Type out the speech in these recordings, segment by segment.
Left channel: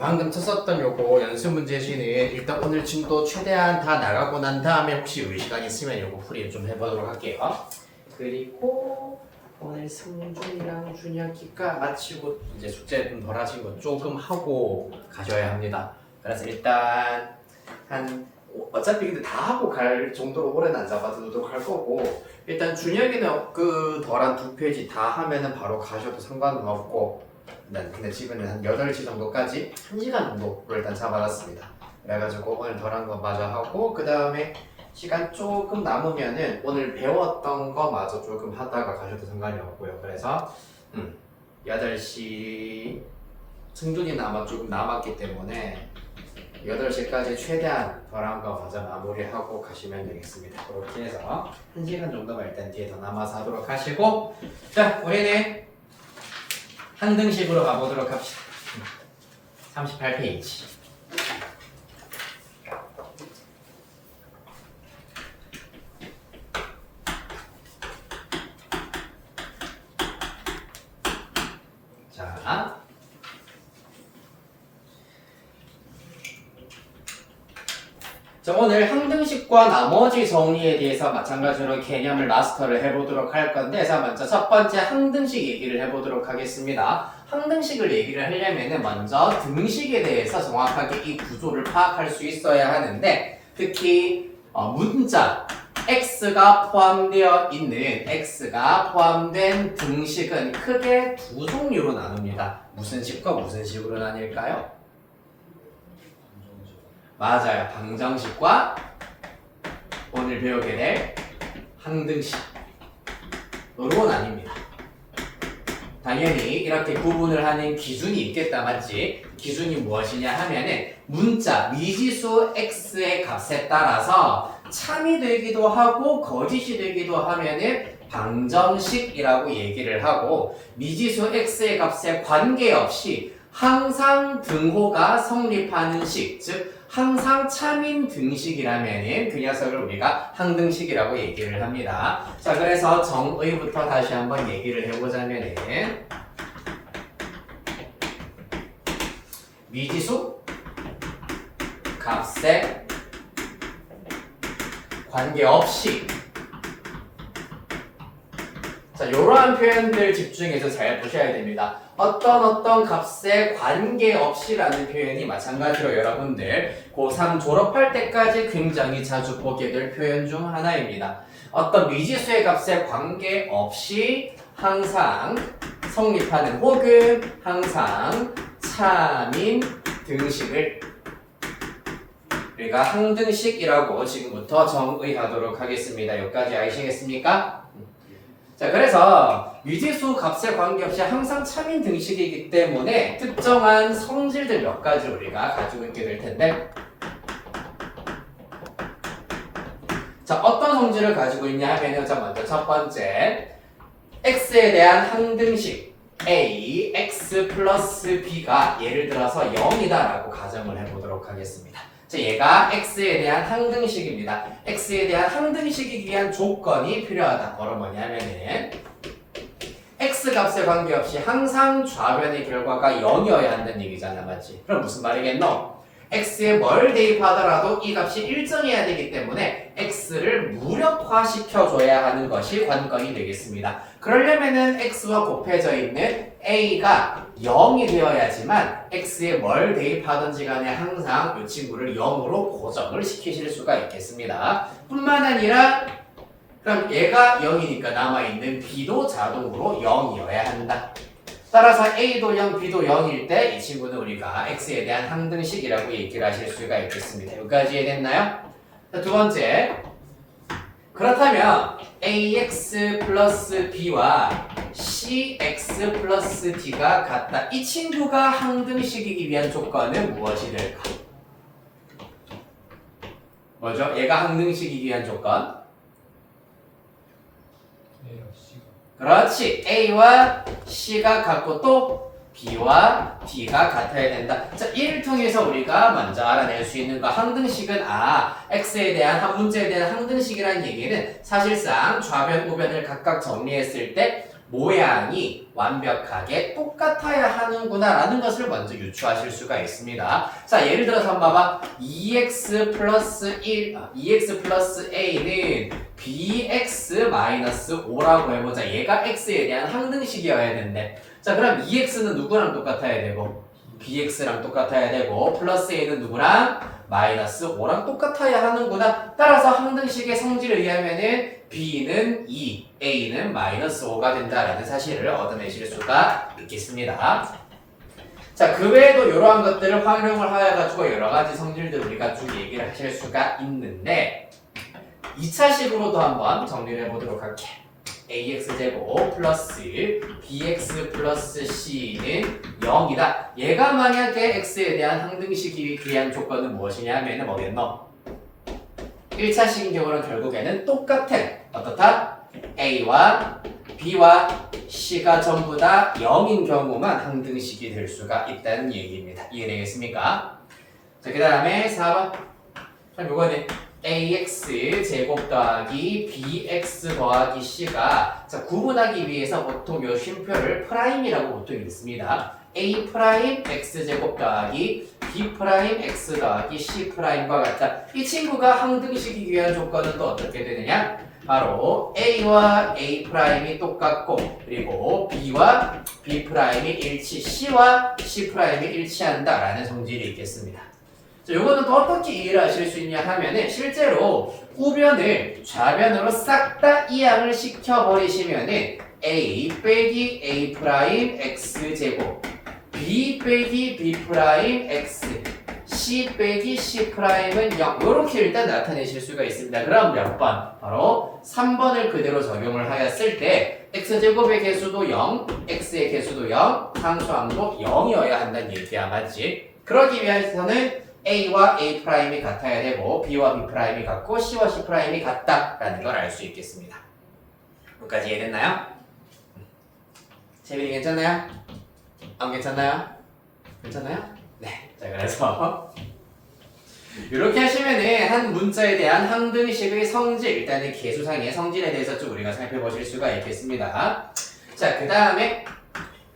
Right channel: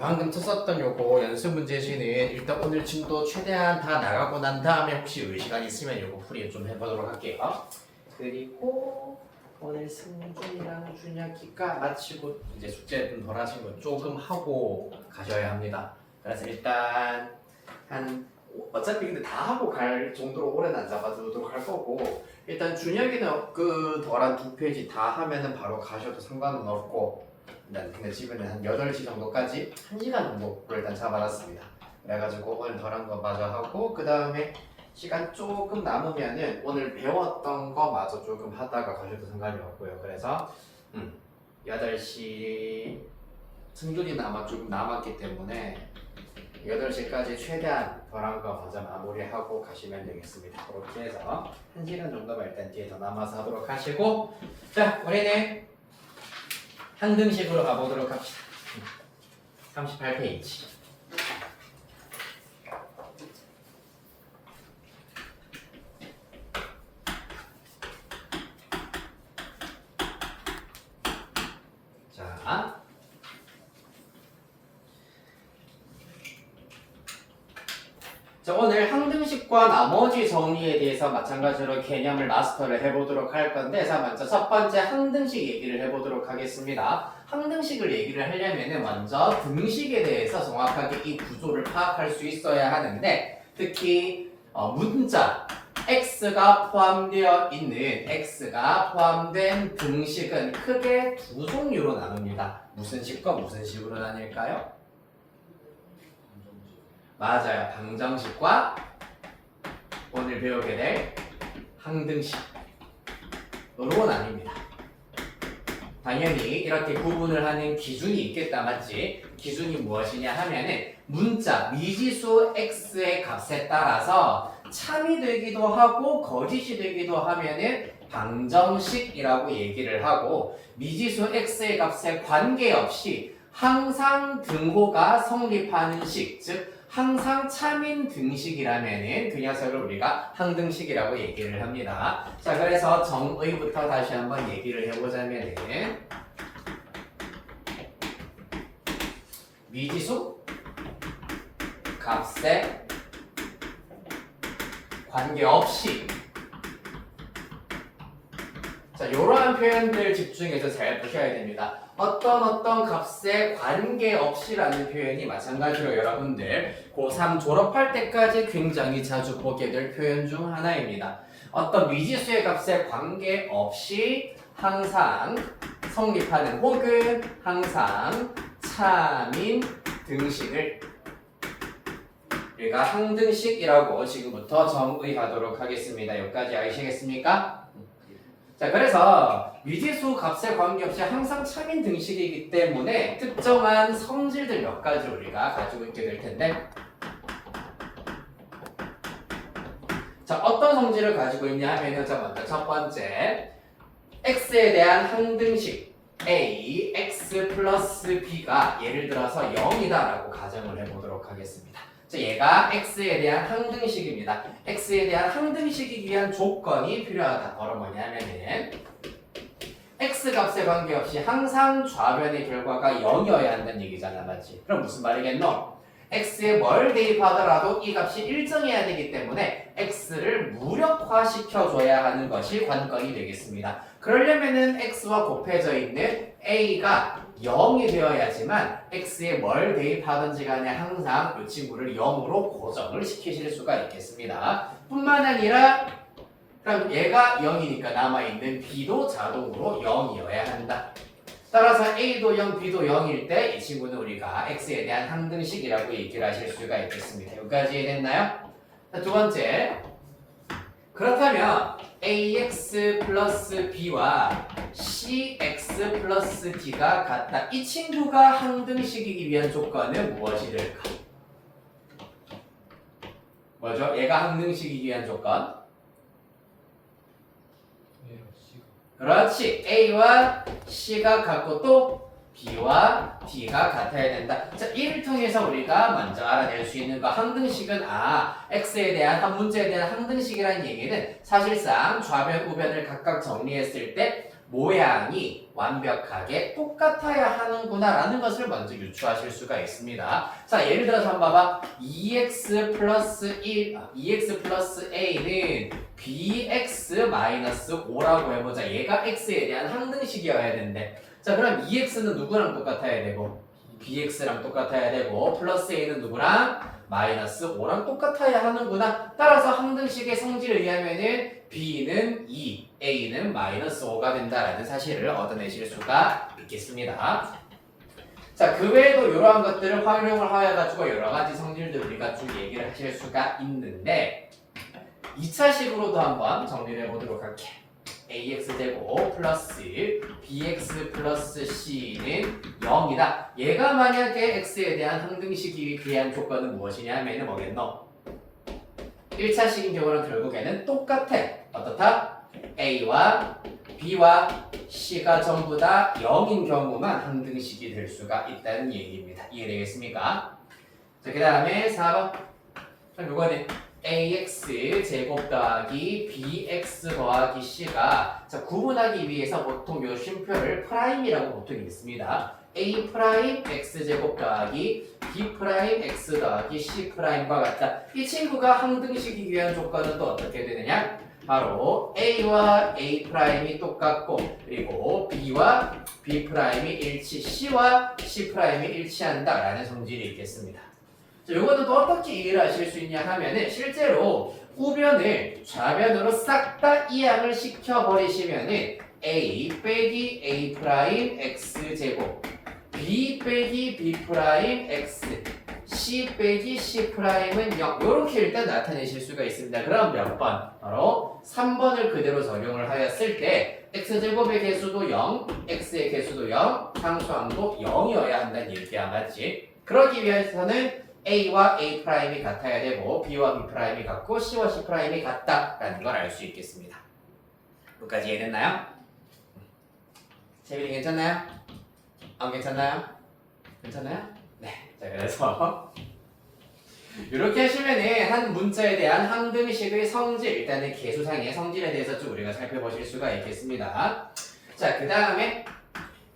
방금 쳤었던 요거 연습 문제지는 일단 오늘 진도 최대한 다 나가고 난 다음에 혹시 시간 있으면 요거 풀이 좀 해보도록 할게요. 그리고 오늘 승준이랑 준혁이가 마치고 이제 숙제 좀 덜 하신 거 조금 하고 가셔야 합니다. 그래서 일단 한 어차피 근데 다 하고 갈 정도로 오래는 안 잡아두도록 할 거고 일단 준혁이는 그 덜한 2페이지 다 하면은 바로 가셔도 상관은 없고 근데 지금은 한 8시 정도까지 1시간 정도로 일단 잡아놨습니다. 그래가지고 오늘 덜한 거 마저 하고 그 다음에 시간 조금 남으면은 오늘 배웠던 거 마저 조금 하다가 가셔도 상관이 없고요. 그래서 8시 승준이는 아마 조금 남았기 때문에 8시까지 최대한 덜한 거 마저 마무리하고 가시면 되겠습니다. 그렇게 해서 1시간 정도가 일단 뒤에 더 남아서 하도록 하시고 자 우리는 항등식으로 가보도록 합시다. 38페이지. 자, 오늘 항등식과 나머지 정의에 대해서 마찬가지로 개념을 마스터를 해보도록 할 건데 자 먼저 첫 번째 항등식 얘기를 해보도록 하겠습니다. 항등식을 얘기를 하려면 먼저 등식에 대해서 정확하게 이 구조를 파악할 수 있어야 하는데 특히 문자 x가 포함되어 있는 x가 포함된 등식은 크게 두 종류로 나눕니다. 무슨 식과 무슨 식으로 나뉠까요? 맞아요. 방정식과 오늘 배우게 될 항등식으로 나뉩니다. 당연히 이렇게 구분을 하는 기준이 있겠다 맞지? 기준이 무엇이냐 하면은 문자 미지수 x의 값에 따라서 참이 되기도 하고 거짓이 되기도 하면은 방정식이라고 얘기를 하고 미지수 x의 값에 관계없이 항상 등호가 성립하는 식, 즉 항상 참인 등식이라면은 그 녀석을 우리가 항등식이라고 얘기를 합니다. 자, 그래서 정의부터 다시 한번 얘기를 해보자면은 미지수 값에 관계없이 자, 이러한 표현들 집중해서 잘 보셔야 됩니다. 어떤 값에 관계없이라는 표현이 마찬가지로 여러분들 고3 졸업할 때까지 굉장히 자주 보게 될 표현 중 하나입니다. 어떤 미지수의 값에 관계없이 항상 성립하는 혹은 항상 참인 등식을 우리가 항등식이라고 지금부터 정의하도록 하겠습니다. 여기까지 아시겠습니까? 자, 그래서 미지수 값에 관계없이 항상 참인 등식이기 때문에 특정한 성질들 몇 가지를 우리가 가지고 있게 될 텐데 자, 어떤 성질을 가지고 있냐 하면 자, 먼저 첫 번째 x에 대한 항등식 a, x 플러스 b가 예를 들어서 0이다라고 가정을 해보도록 하겠습니다. 자, 얘가 x에 대한 항등식입니다. x에 대한 항등식이기 위한 조건이 필요하다. 바로 뭐냐면은 x 값에 관계없이 항상 좌변의 결과가 0이어야 한다는 얘기잖아, 맞지? 그럼 무슨 말이겠노? x에 뭘 대입하더라도 이 값이 일정해야 되기 때문에 x를 무력화시켜줘야 하는 것이 관건이 되겠습니다. 그러려면은 x와 곱해져 있는 a가 0이 되어야지만 x에 뭘 대입하든지 간에 항상 이 친구를 0으로 고정을 시키실 수가 있겠습니다. 뿐만 아니라 그럼 얘가 0이니까 남아있는 b도 자동으로 0이어야 한다. 따라서 a도 0, b도 0일 때 이 친구는 우리가 x에 대한 항등식이라고 얘기를 하실 수가 있겠습니다. 여기까지 이해됐나요? 자, 두 번째 그렇다면 ax 플러스 b와 cx 플러스 d가 같다. 이 친구가 항등식이기 위한 조건은 무엇이 될까? 뭐죠? 얘가 항등식이기 위한 조건? 그렇지. a와 c가 같고 또 b와 d가 같아야 된다. 자, 이를 통해서 우리가 먼저 알아낼 수 있는 거 항등식은 x에 대한 한 문제에 대한 항등식이라는 얘기는 사실상 좌변, 우변을 각각 정리했을 때 모양이 완벽하게 똑같아야 하는구나 라는 것을 먼저 유추하실 수가 있습니다. 자, 예를 들어서 한번 봐봐. 2x 플러스 a는 bx 마이너스 5라고 해보자. 얘가 x에 대한 항등식이어야 되는데, 자, 그럼 2x는 누구랑 똑같아야 되고 bx랑 똑같아야 되고 플러스 a는 누구랑 마이너스 5랑 똑같아야 하는구나. 따라서 항등식의 성질을 의하면은 b는 2, a는 마이너스 5가 된다라는 사실을 얻어내실 수가 있겠습니다. 자, 그 외에도 이러한 것들을 활용을 하여가지고 여러 가지 성질들 우리가 쭉 얘기를 하실 수가 있는데 2차식으로도 한번 정리를 해보도록 할게. ax제곱 플러스 bx 플러스 c는 0이다. 얘가 만약에 x에 대한 항등식이 대한 조건은 무엇이냐 하면은 뭐겠노? 1차식인 경우는 결국에는 똑같아. 어떻다? a와 b와 c가 전부 다 0인 경우만 항등식이 될 수가 있다는 얘기입니다. 이해되겠습니까? 자, 그 다음에 4번. 그럼 요거는 ax 제곱 더하기 bx 더하기 c가 자, 구분하기 위해서 보통 요 쉼표를 프라임이라고 보통 읽습니다. a 프라임 x 제곱 더하기 b 프라임 x 더하기 c 프라임과 같다. 이 친구가 항등식이기 위한 조건은 또 어떻게 되느냐? 바로 a와 a 프라임이 똑같고 그리고 b와 b 프라임이 일치, c와 c 프라임이 일치한다라는 성질이 있겠습니다. 자, 요거는 또 어떻게 이해를 하실 수 있냐 하면은 실제로 우변을 좌변으로 싹 다 이항을 시켜버리시면은 a 빼기 a 프라임 x 제곱 b 빼기 b 프라임 x c 빼기 c 프라임은 0 이렇게 일단 나타내실 수가 있습니다. 그럼 몇 번? 바로 3번을 그대로 적용을 하였을 때 x제곱의 개수도 0, x의 개수도 0, 상수항도 0이어야 한다는 얘기야. 맞지? 그러기 위해서는 a와 a 프라임이 같아야 되고 b와 b 프라임이 같고 c와 c 프라임이 같다라는 걸 알 수 있겠습니다. 여기까지 이해됐나요? 재민이 괜찮나요? 안 괜찮나요? 괜찮나요? 네. 자, 그래서 이렇게 하시면은 한 문자에 대한 항등식의 성질, 일단은 개수상의 성질에 대해서 좀 우리가 살펴보실 수가 있겠습니다. 자, 그 다음에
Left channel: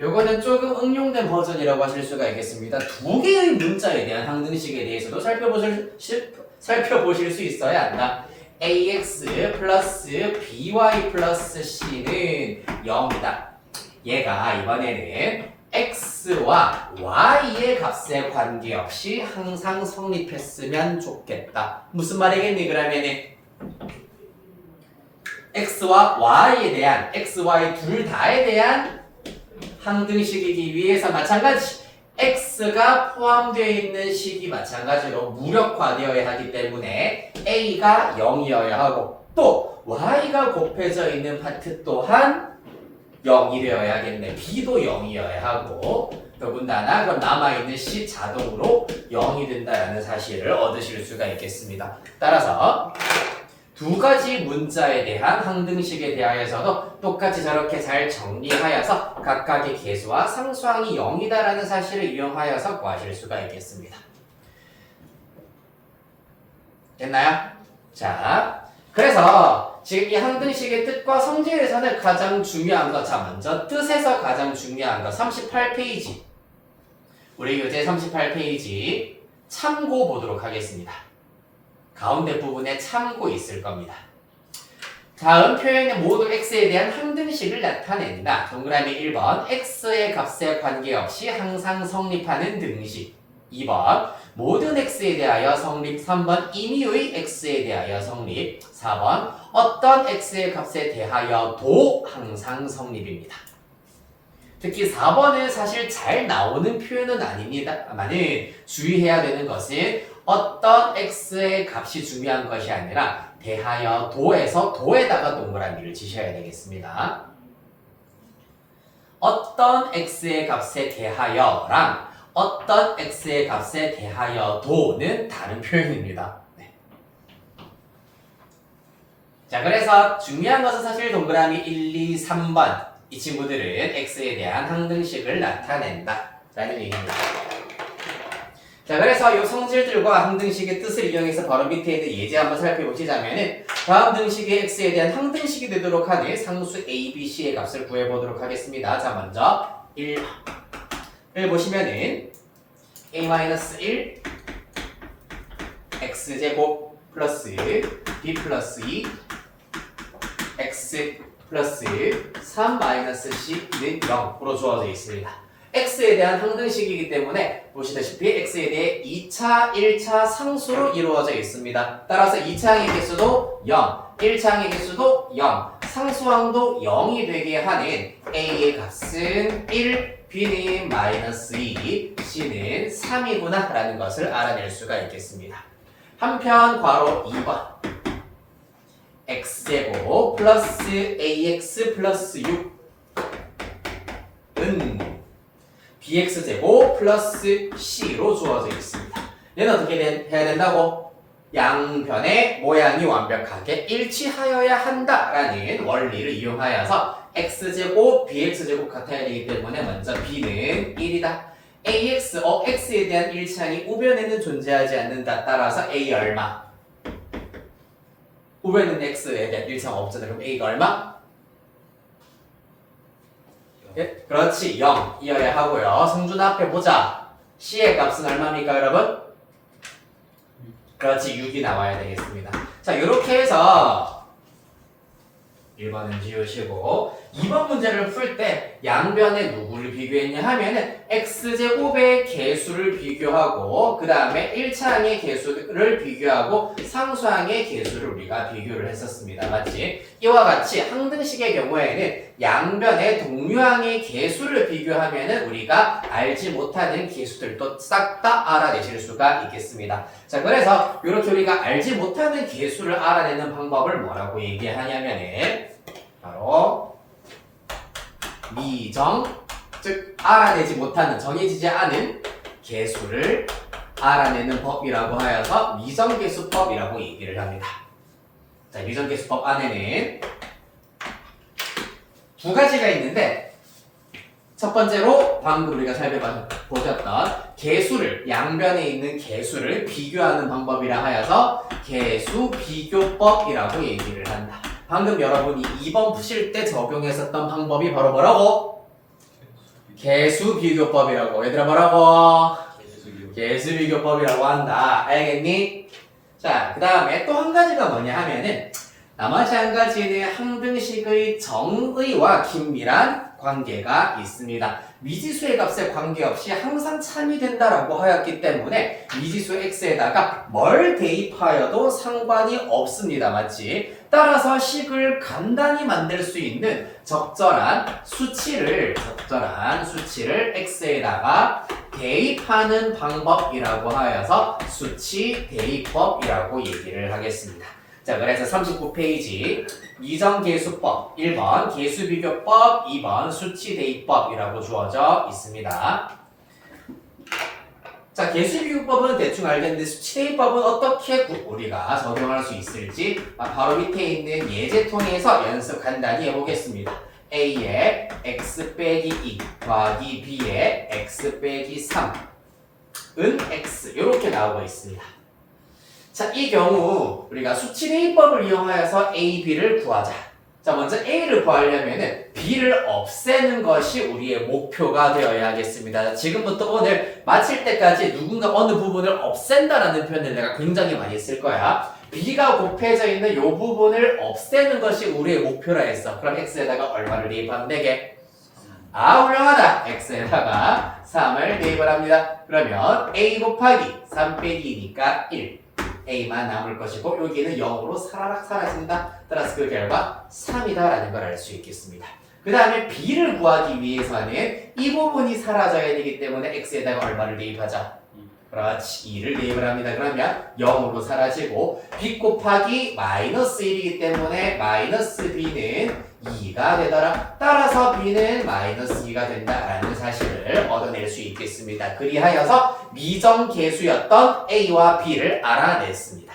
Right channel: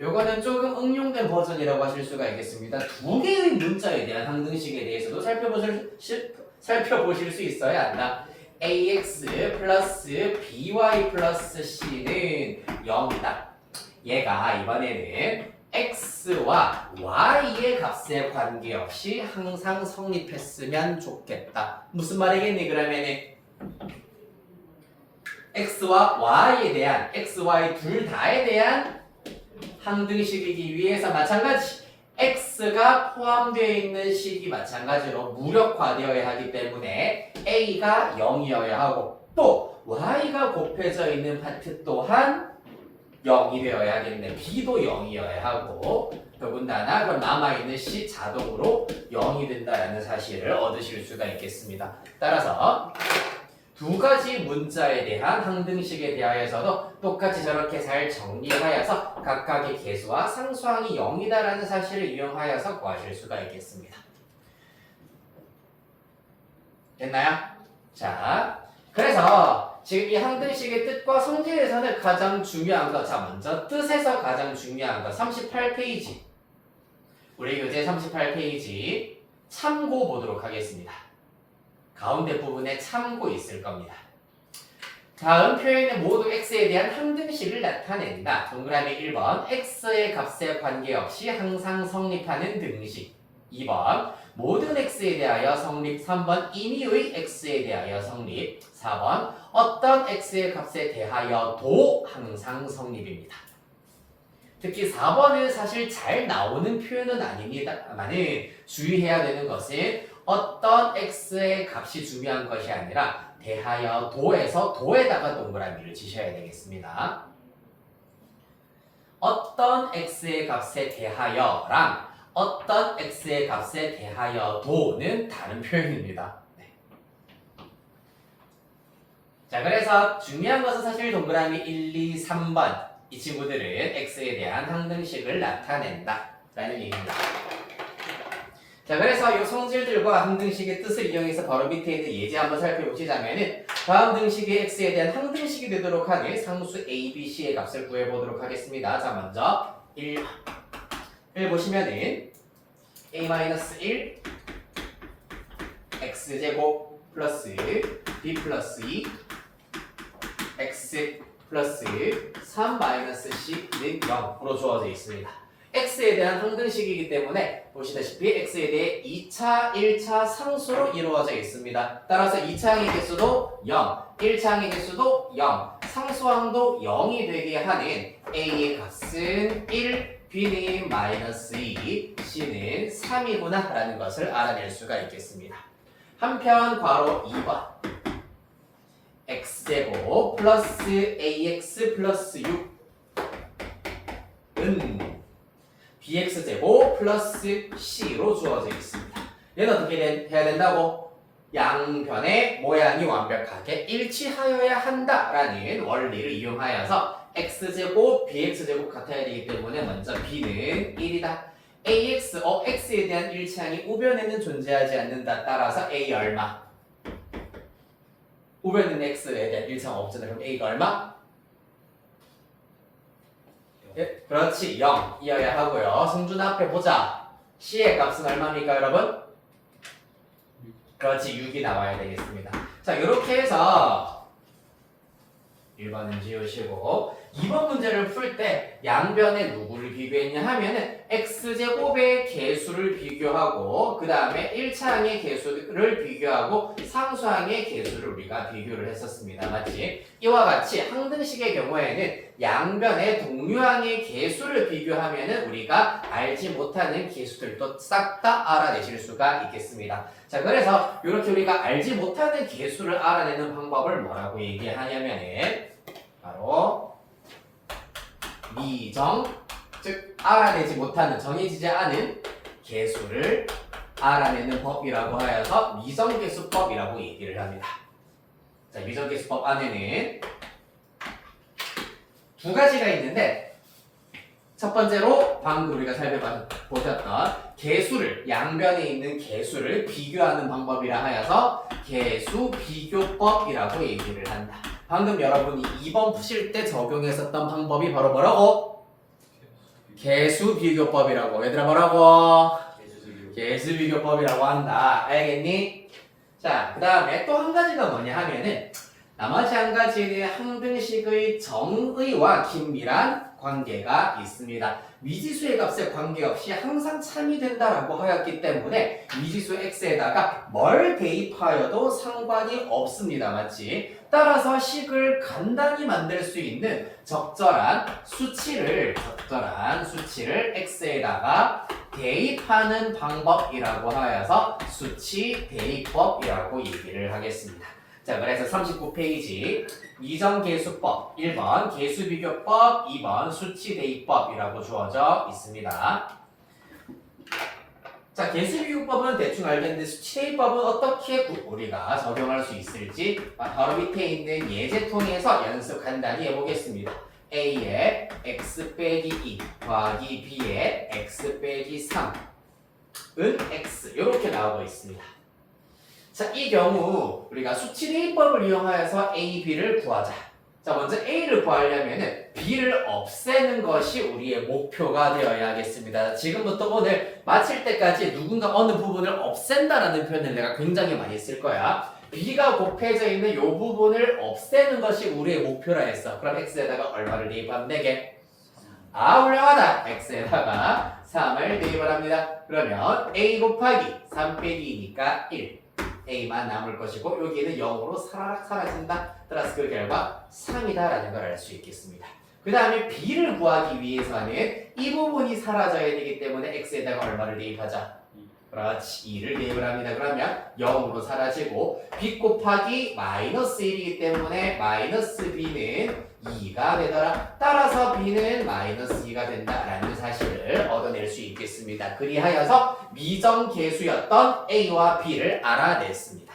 요거는 조금 응용된 버전이라고 하실 수가 있겠습니다. 두 개의 문자에 대한 항등식에 대해서도 살펴보실 수 있어야 한다. ax 플러스 by 플러스 c는 0이다. 얘가 이번에는 x와 y의 값에 관계없이 항상 성립했으면 좋겠다. 무슨 말이겠니? 그러면은 x와 y에 대한 x, y 둘 다에 대한 항등식이기 위해서 마찬가지 x가 포함되어 있는 식이 마찬가지로 무력화되어야 하기 때문에 a가 0이어야 하고 또 y가 곱해져 있는 파트 또한 0이 되어야겠네. b도 0이어야 하고 더군다나 그럼 남아있는 c 자동으로 0이 된다는 사실을 얻으실 수가 있겠습니다. 따라서 두 가지 문자에 대한 항등식에 대하여서도 똑같이 저렇게 잘 정리하여서 각각의 개수와 상수항이 0이다라는 사실을 이용하여서 구하실 수가 있겠습니다. 됐나요? 자, 그래서 지금 이 항등식의 뜻과 성질에서는 가장 중요한 것, 자 먼저 뜻에서 가장 중요한 것 38페이지 우리 교재 38페이지 참고 보도록 하겠습니다. 가운데 부분에 참고 있을 겁니다. 다음 표현의 모두 x에 대한 항등식을 나타낸다. 동그라미 1번 x의 값에 관계없이 항상 성립하는 등식 2번 모든 x에 대하여 성립 3번 임의의 x에 대하여 성립 4번 어떤 x의 값에 대하여도 항상 성립입니다. 특히 4번은 사실 잘 나오는 표현은 아닙니다만은 주의해야 되는 것은 어떤 x의 값이 중요한 것이 아니라 대하여도에서 도에다가 동그라미를 치셔야 되겠습니다. 어떤 x의 값에 대하여랑 어떤 x의 값에 대하여도는 다른 표현입니다. 네. 자, 그래서 중요한 것은 사실 동그라미 1, 2, 3번 이 친구들은 x에 대한 항등식을 나타낸다 라는 얘기입니다. 자, 그래서 이 성질들과 항등식의 뜻을 이용해서 바로 밑에 있는 예제 한번 살펴보시자면은 다음 등식의 x에 대한 항등식이 되도록 하는 상수 a, b, c의 값을 구해보도록 하겠습니다. 자, 먼저 1을 보시면은 a-1 x제곱 플러스 b 플러스 2 x 플러스 3 마이너스 c는 0으로 주어져 있습니다. x에 대한 항등식이기 때문에 보시다시피 x에 대해 2차, 1차 상수로 이루어져 있습니다. 따라서 2차 항의 개수도 0, 1차 항의 개수도 0, 상수항도 0이 되게 하는 a의 값은 1, b는 마이너스 2, c는 3이구나 라는 것을 알아낼 수가 있겠습니다. 한편 괄호 2번 x제곱 플러스 ax 플러스 6은 bx제곱 플러스 c로 주어져 있습니다. 얘는 어떻게 해야 된다고? 양변의 모양이 완벽하게 일치하여야 한다라는 원리를 이용하여서 x제곱, bx제곱 같아야 되기 때문에 먼저 b는 1이다. ax, x에 대한 일치항이 우변에는 존재하지 않는다. 따라서 a 얼마? 우변은 x에 대한 일치항 없잖아요. 그럼 a가 얼마? 예, 그렇지 0이어야 하고요. 성준 앞에 보자. c의 값은 얼마입니까 여러분? 그렇지 6이 나와야 되겠습니다. 자 이렇게 해서 1번은 지우시고 2번 문제를 풀 때 양변에 누구를 비교했냐 하면은 x제곱의 개수를 비교하고 그 다음에 1차항의 개수를 비교하고 상수항의 개수를 우리가 비교를 했었습니다. 맞지? 이와 같이 항등식의 경우에는 양변의 동류항의 개수를 비교하면은 우리가 알지 못하는 개수들도 싹 다 알아내실 수가 있겠습니다. 자 그래서 이렇게 우리가 알지 못하는 개수를 알아내는 방법을 뭐라고 얘기하냐면은 바로 미정, 즉 알아내지 못하는 정해지지 않은 개수를 알아내는 법이라고 하여서 미정계수법이라고 얘기를 합니다. 자, 미정계수법 안에는 두 가지가 있는데 첫 번째로 방금 우리가 살펴보셨던 개수를 양변에 있는 개수를 비교하는 방법이라 하여서 개수 비교법이라고 얘기를 한다. 방금 여러분이 2번 푸실 때 적용했었던 방법이 바로 뭐라고? 개수 비교법이라고. 얘들아 뭐라고? 개수 비교법이라고 한다. 알겠니? 자, 그 다음에 또 한 가지가 뭐냐 하면은 나머지 한 가지는 항등식의 정의와 긴밀한 관계가 있습니다. 미지수의 값에 관계없이 항상 참이 된다라고 하였기 때문에 미지수 x에다가 뭘 대입하여도 상관이 없습니다. 맞지? 따라서 식을 간단히 만들 수 있는 적절한 수치를 x에다가 대입하는 방법이라고 하여서 수치 대입법이라고 얘기를 하겠습니다. 자, 그래서 39페이지 미정계수법 1번 계수비교법 2번 수치대입법이라고 주어져 있습니다. 자, 계수비교법은 대충 알겠는데 수치대입법은 어떻게 우리가 적용할 수 있을지 바로 밑에 있는 예제 통해서 연습 간단히 해보겠습니다. A에 x 빼기 2 더하기 B에 x 빼기 3은 x 이렇게 나오고 있습니다. 자, 이 경우 우리가 수치대입법을 이용하여서 A, B를 구하자. 자, 먼저 A를 구하려면은 B를 없애는 것이 우리의 목표가 되어야 하겠습니다. 지금부터 오늘 마칠 때까지 누군가 어느 부분을 없앤다라는 표현을 내가 굉장히 많이 쓸 거야. B가 곱해져 있는 이 부분을 없애는 것이 우리의 목표라 했어. 그럼 X에다가 얼마를 대입하면 되게? 훌륭하다. X에다가 3을 대입을 합니다. 그러면 A 곱하기 3 빼기 2니까 1. A만 남을 것이고 여기는 0으로 사라락 사라진다. 따라서 그 결과 3이다라는 걸 알 수 있겠습니다. 그 다음에 B를 구하기 위해서는 이 부분이 사라져야 되기 때문에 X에다가 얼마를 대입하자? 그렇지. 2를 대입을 합니다. 그러면 0으로 사라지고 B 곱하기 마이너스 1이기 때문에 마이너스 B는 2가 되더라. 따라서 B는 마이너스 2가 된다라는 사실을 얻어낼 수 있겠습니다. 그리하여서 미정계수였던 A와 B를 알아냈습니다.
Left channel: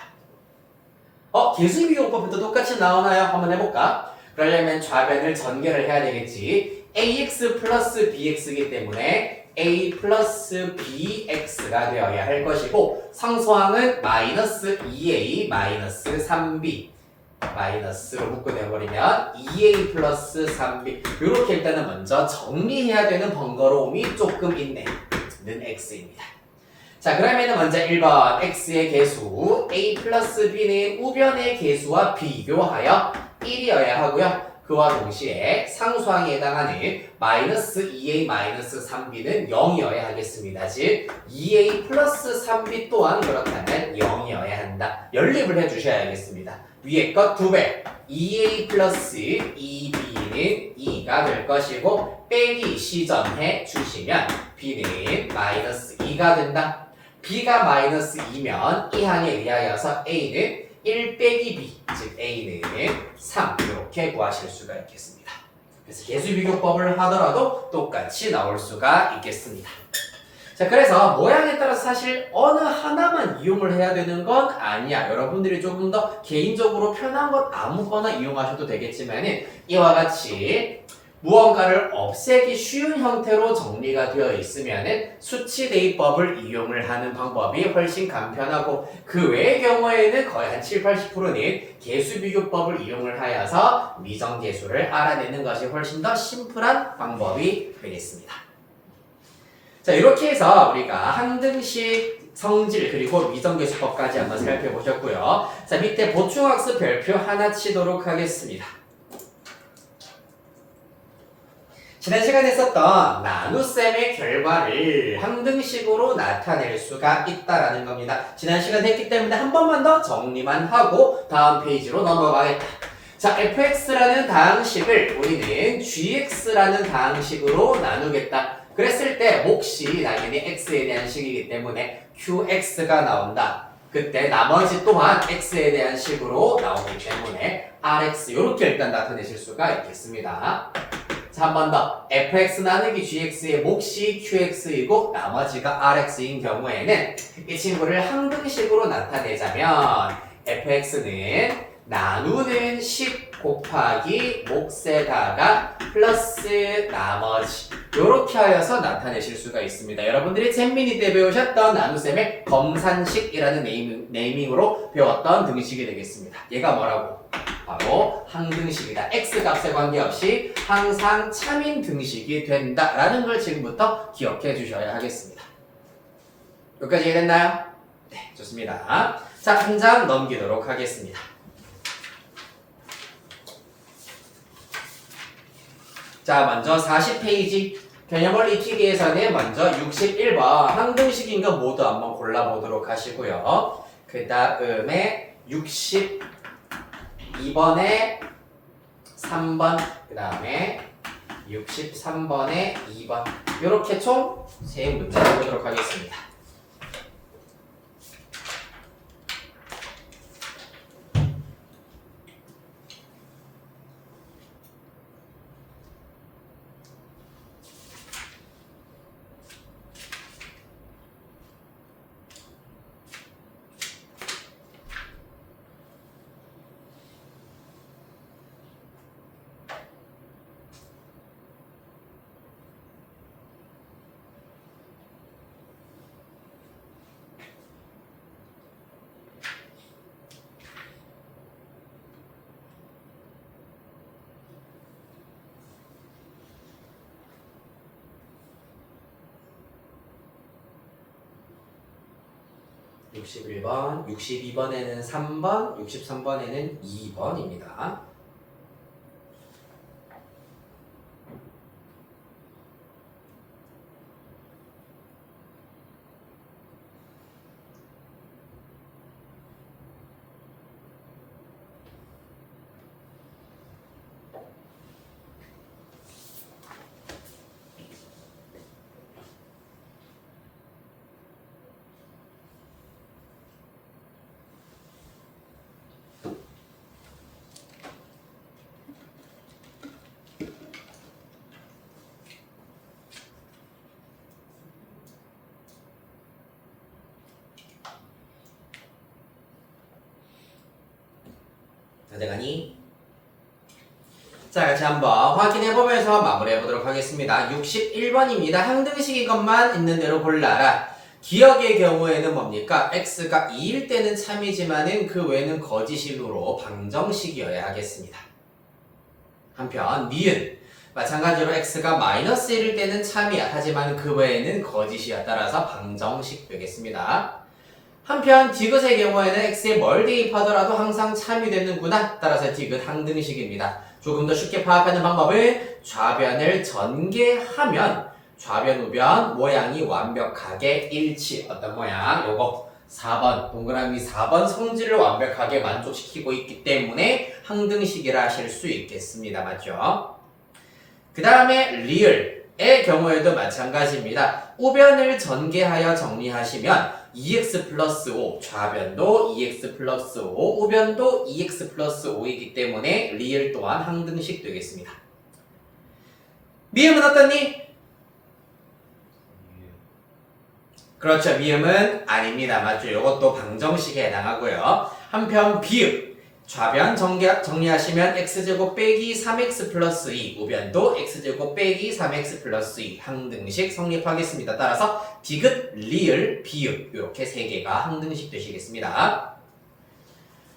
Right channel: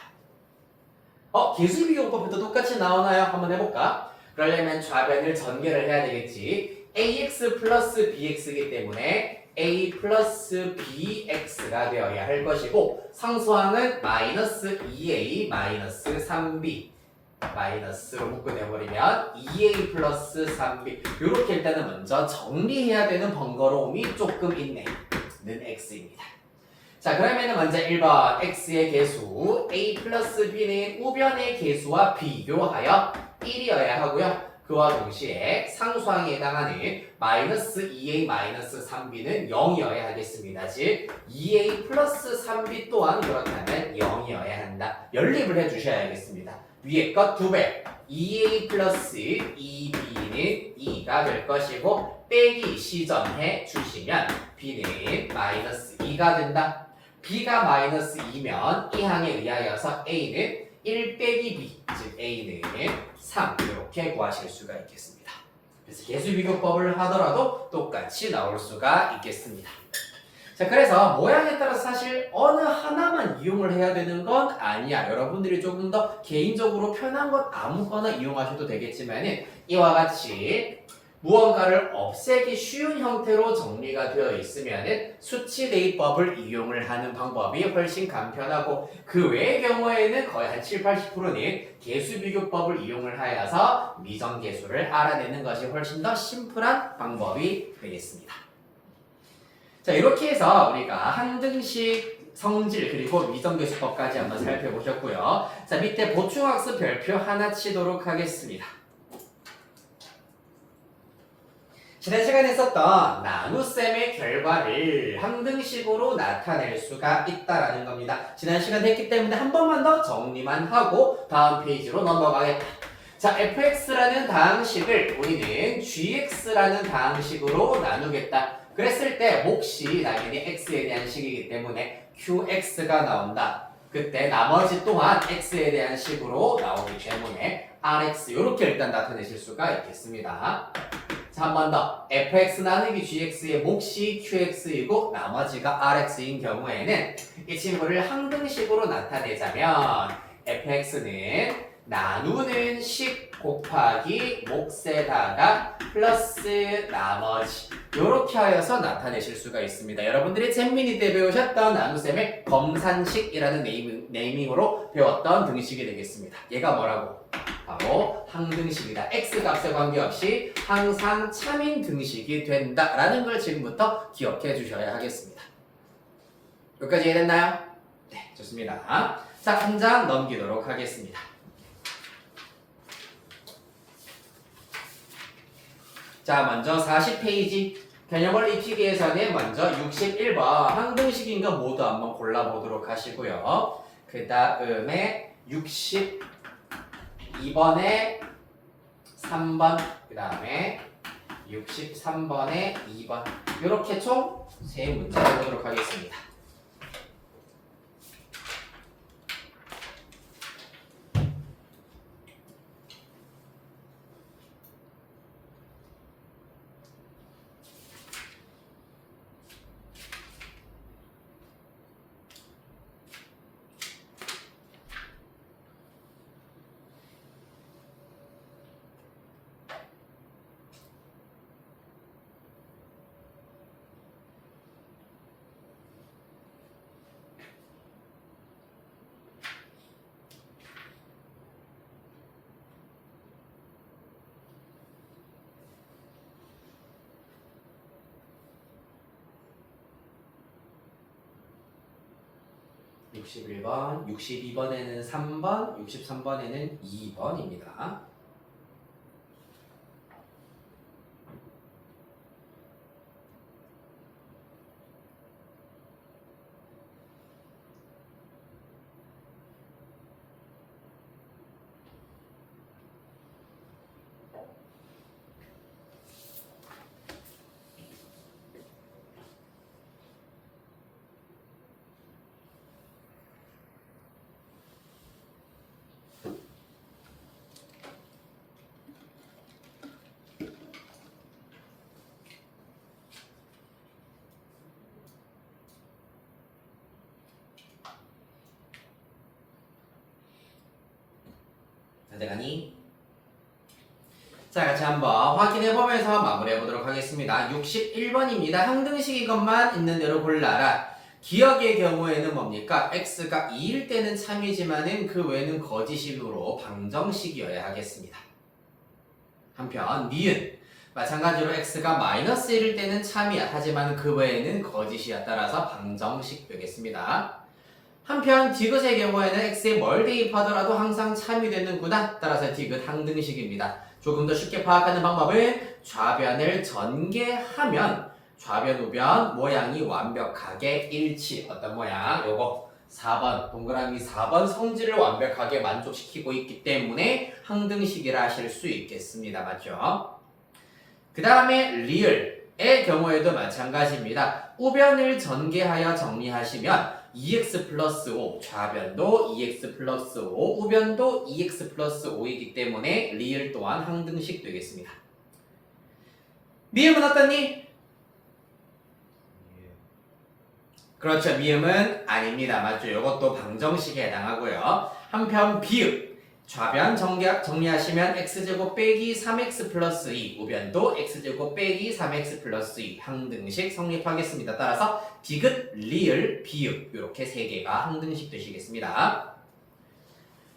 계수비교법부터 똑같이 나오나요? 한번 해볼까? 그러려면 좌변을 전개를 해야 되겠지. ax 플러스 bx이기 때문에 a 플러스 bx가 되어야 할 것이고 상수항은 마이너스 2a 마이너스 3b 마이너스로 묶어내버리면 2a 플러스 3b 이렇게 일단은 먼저 정리해야 되는 번거로움이 조금 있네 는 x입니다. 자 그러면은 먼저 1번 x의 개수 a 플러스 b는 우변의 개수와 비교하여 1이어야 하고요. 그와 동시에 상수항에 해당하는 마이너스 2a 마이너스 3b는 0이어야 하겠습니다. 즉 2a 플러스 3b 또한 그렇다면 0이어야 한다. 연립을 해주셔야겠습니다. 위에 것 2배 2a 플러스 2b는 2가 될 것이고 빼기 시전해 주시면 b는 마이너스 2가 된다. b가 마이너스 2면 이 항에 의하여서 a는 1 빼기 b, 즉 a는 3 이렇게 구하실 수가 있겠습니다. 그래서 개수비교법을 하더라도 똑같이 나올 수가 있겠습니다. 자 그래서 모양에 따라서 사실 어느 하나만 이용을 해야 되는 건 아니야. 여러분들이 조금 더 개인적으로 편한 것 아무거나 이용하셔도 되겠지만은 이와 같이 무언가를 없애기 쉬운 형태로 정리가 되어 있으면은 수치 대입법을 이용을 하는 방법이 훨씬 간편하고 그 외의 경우에는 거의 한 7, 80%는 개수비교법을 이용을 하여서 미정계수를 알아내는 것이 훨씬 더 심플한 방법이 되겠습니다. 자 이렇게 해서 우리가 항등식 성질 그리고 미정계수법까지 한번 살펴보셨고요. 자 밑에 보충학습 별표 하나 치도록 하겠습니다. 지난 시간에 했었던 나눗셈의 결과를 항등식으로 나타낼 수가 있다라는 겁니다. 지난 시간 했기 때문에 한 번만 더 정리만 하고 다음 페이지로 넘어가겠다. 자, fx라는 다항식을 우리는 gx라는 다항식으로 나누겠다. 그랬을 때 몫이 당연히 x에 대한 식이기 때문에 qx가 나온다. 그때 나머지 또한 x에 대한 식으로 나오기 때문에 rx 이렇게 일단 나타내실 수가 있겠습니다. 자, 한 번 더. fx 나누기 gx의 몫이 qx이고 나머지가 rx인 경우에는 이 친구를 항등식으로 나타내자면 fx는 나누는 식 곱하기 몫에다가 플러스 나머지 이렇게 하여서 나타내실 수가 있습니다. 여러분들이 잼민이 때 배우셨던 나눗셈의 검산식이라는 네이밍으로 배웠던 등식이 되겠습니다. 얘가 뭐라고? 바로 항등식이다. x값에 관계없이 항상 참인 등식이 된다라는 걸 지금부터 기억해 주셔야 하겠습니다. 여기까지 이해됐나요? 네, 좋습니다. 자, 한 장 넘기도록 하겠습니다. 자, 먼저 40페이지 개념원리 익히기에서는 먼저 61번 항등식인 거 모두 한번 골라보도록 하시고요. 그 다음에 62번에 3번, 그 다음에 63번에 2번 이렇게 총 3문제 해보도록 하겠습니다. (61번) 62번에는 3번, 63번에는 2번입니다. 다들 가니? 자, 같이 한번 확인해보면서 마무리해보도록 하겠습니다. 61번입니다. 항등식인 것만 있는 대로 골라라. 기억의 경우에는 뭡니까? x가 2일 때는 참이지만은 그 외에는 거짓으로 방정식이어야 하겠습니다. 한편 니은 마찬가지로 x가 마이너스 1일 때는 참이야. 하지만 그 외에는 거짓이야. 따라서 방정식 되겠습니다. 한편 디귿의 경우에는 x에 뭘 대입하더라도 항상 참이 되는구나. 따라서 디귿 항등식입니다. 조금 더 쉽게 파악하는 방법은 좌변을 전개하면 좌변 우변 모양이 완벽하게 일치. 어떤 모양? 요거 4번 동그라미 4번 성질을 완벽하게 만족시키고 있기 때문에 항등식이라 하실 수 있겠습니다. 맞죠? 그 다음에 리을의 경우에도 마찬가지입니다. 우변을 전개하여 정리하시면 2x 플러스 5 좌변도 2x 플러스 5 우변도 2x 플러스 5이기 때문에 리을 또한 항등식 되겠습니다. 미음은 어떠니? 그렇죠. 미음은 아닙니다. 맞죠? 이것도 방정식에 해당하고요. 한편 비읍 좌변 정리하시면 x제곱 빼기 3x 플러스 2 우변도 x제곱 빼기 3x 플러스 2 항등식 성립하겠습니다. 따라서 디귿, 리을, 비읍 이렇게 세 개가 항등식 되시겠습니다.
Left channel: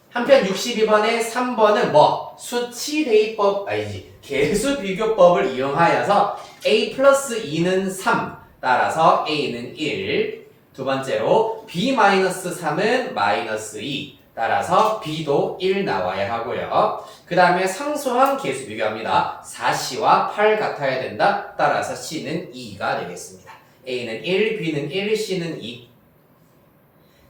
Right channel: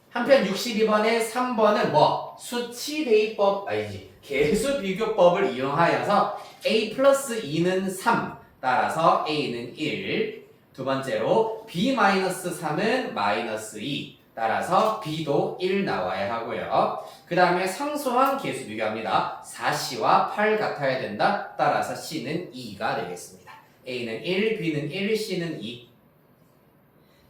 한편 62번에 3번은 뭐? 수치 대입법 아니지 개수 비교법을 이용하여서 a 플러스 2는 3 따라서 a는 1 두 번째로 b 마이너스 3은 마이너스 2 따라서 b도 1 나와야 하고요. 그 다음에 상수항 개수 비교합니다. 4c와 8 같아야 된다. 따라서 c는 2가 되겠습니다. a는 1, b는 1, c는 2.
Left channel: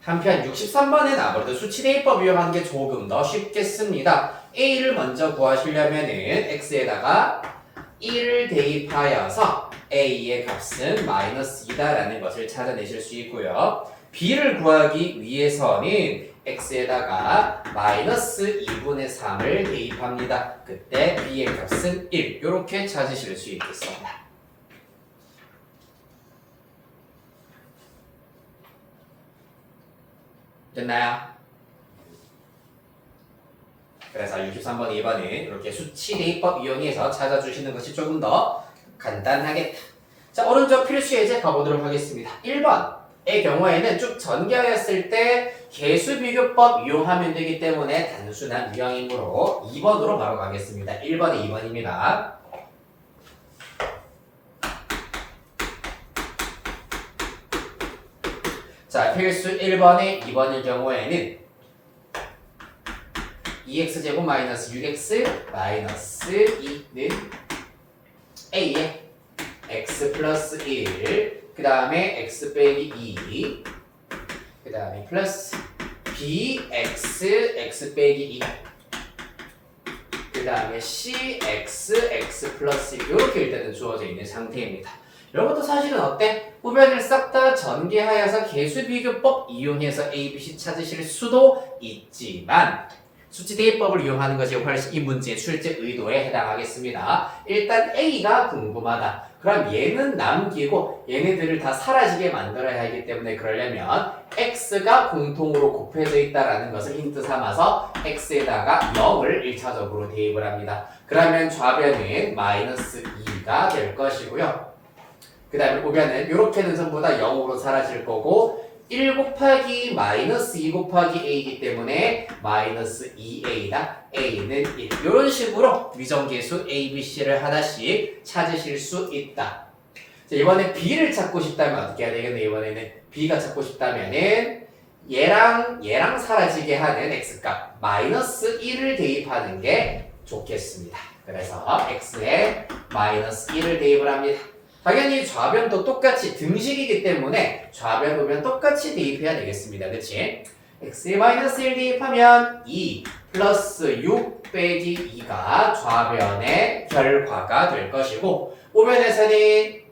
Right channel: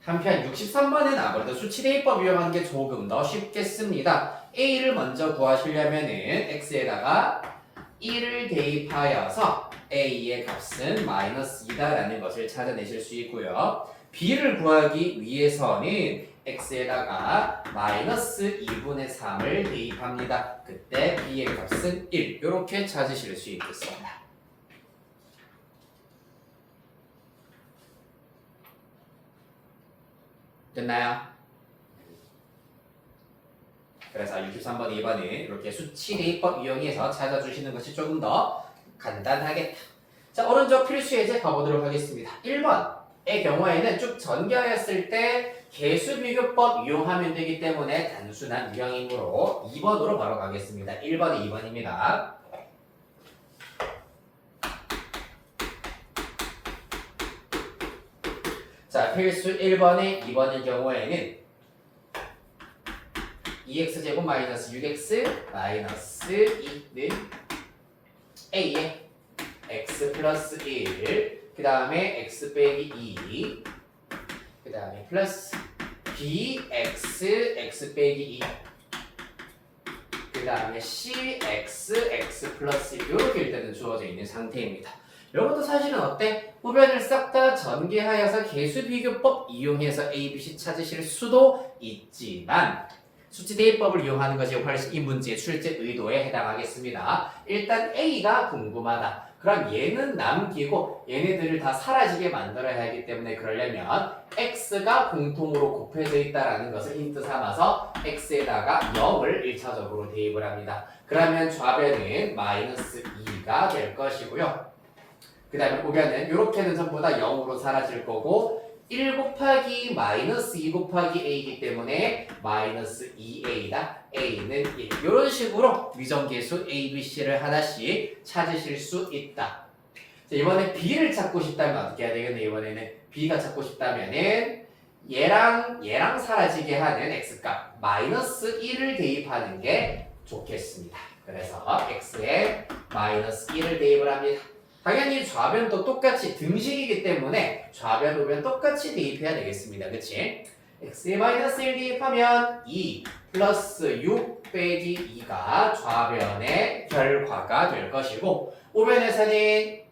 한편 63번은 아무래도 수치대입법 이용하는 게 조금 더 쉽겠습니다. a를 먼저 구하시려면은 x에다가 1을 대입하여서 a의 값은 마이너스 2다라는 것을 찾아내실 수 있고요. b를 구하기 위해서는 x에다가 마이너스 2분의 3을 대입합니다. 그때 b의 값은 1 이렇게 찾으실 수 있겠습니다. 됐나요? 그래서 63번, 2번은 이렇게 수치 대입법 이용해서 찾아주시는 것이 조금 더 간단하겠다. 자, 오른쪽 필수 예제 가보도록 하겠습니다. 1번의 경우에는 쭉 전개하였을 때 개수 비교법 이용하면 되기 때문에 단순한 유형이므로 2번으로 바로 가겠습니다. 1번에 2번입니다. 자, 필수 1번에 2번의 경우에는 2x제곱 마이너스 6x 마이너스 2는 a에 x 플러스 1 그 다음에 x 빼기 2 그 다음에 플러스 bx x 빼기 2 그 다음에 cx x 플러스 2 이렇게 일단은 주어져 있는 상태입니다. 이것도 사실은 어때? 우변을 싹 다 전개하여서 개수비교법 이용해서 A, B, C 찾으실 수도 있지만 수치 대입법을 이용하는 것이 훨씬 이 문제의 출제 의도에 해당하겠습니다. 일단 A가 궁금하다. 그럼 얘는 남기고 얘네들을 다 사라지게 만들어야 하기 때문에 그러려면 X가 공통으로 곱해져 있다는 것을 힌트 삼아서 X에다가 0을 1차적으로 대입을 합니다. 그러면 좌변은 마이너스 2가 될 것이고요. 그 다음에 우변은 이렇게는 전부 다 0으로 사라질 거고 1 곱하기 마이너스 2 곱하기 a이기 때문에 마이너스 2a다. a는 1. 이런 식으로 위정계수 a, b, c를 하나씩 찾으실 수 있다. 자, 이번에 b를 찾고 싶다면 어떻게 해야 되겠네. 이번에는 b가 찾고 싶다면은 얘랑 사라지게 하는 x값 마이너스 1을 대입하는 게 좋겠습니다. 그래서 x에 마이너스 1을 대입을 합니다. 당연히 좌변도 똑같이 등식이기 때문에 좌변 우변 똑같이 대입해야 되겠습니다. 그치? x에 마이너스 1 대입하면 2 플러스 6 빼기 2가 좌변의 결과가 될 것이고 우변에서는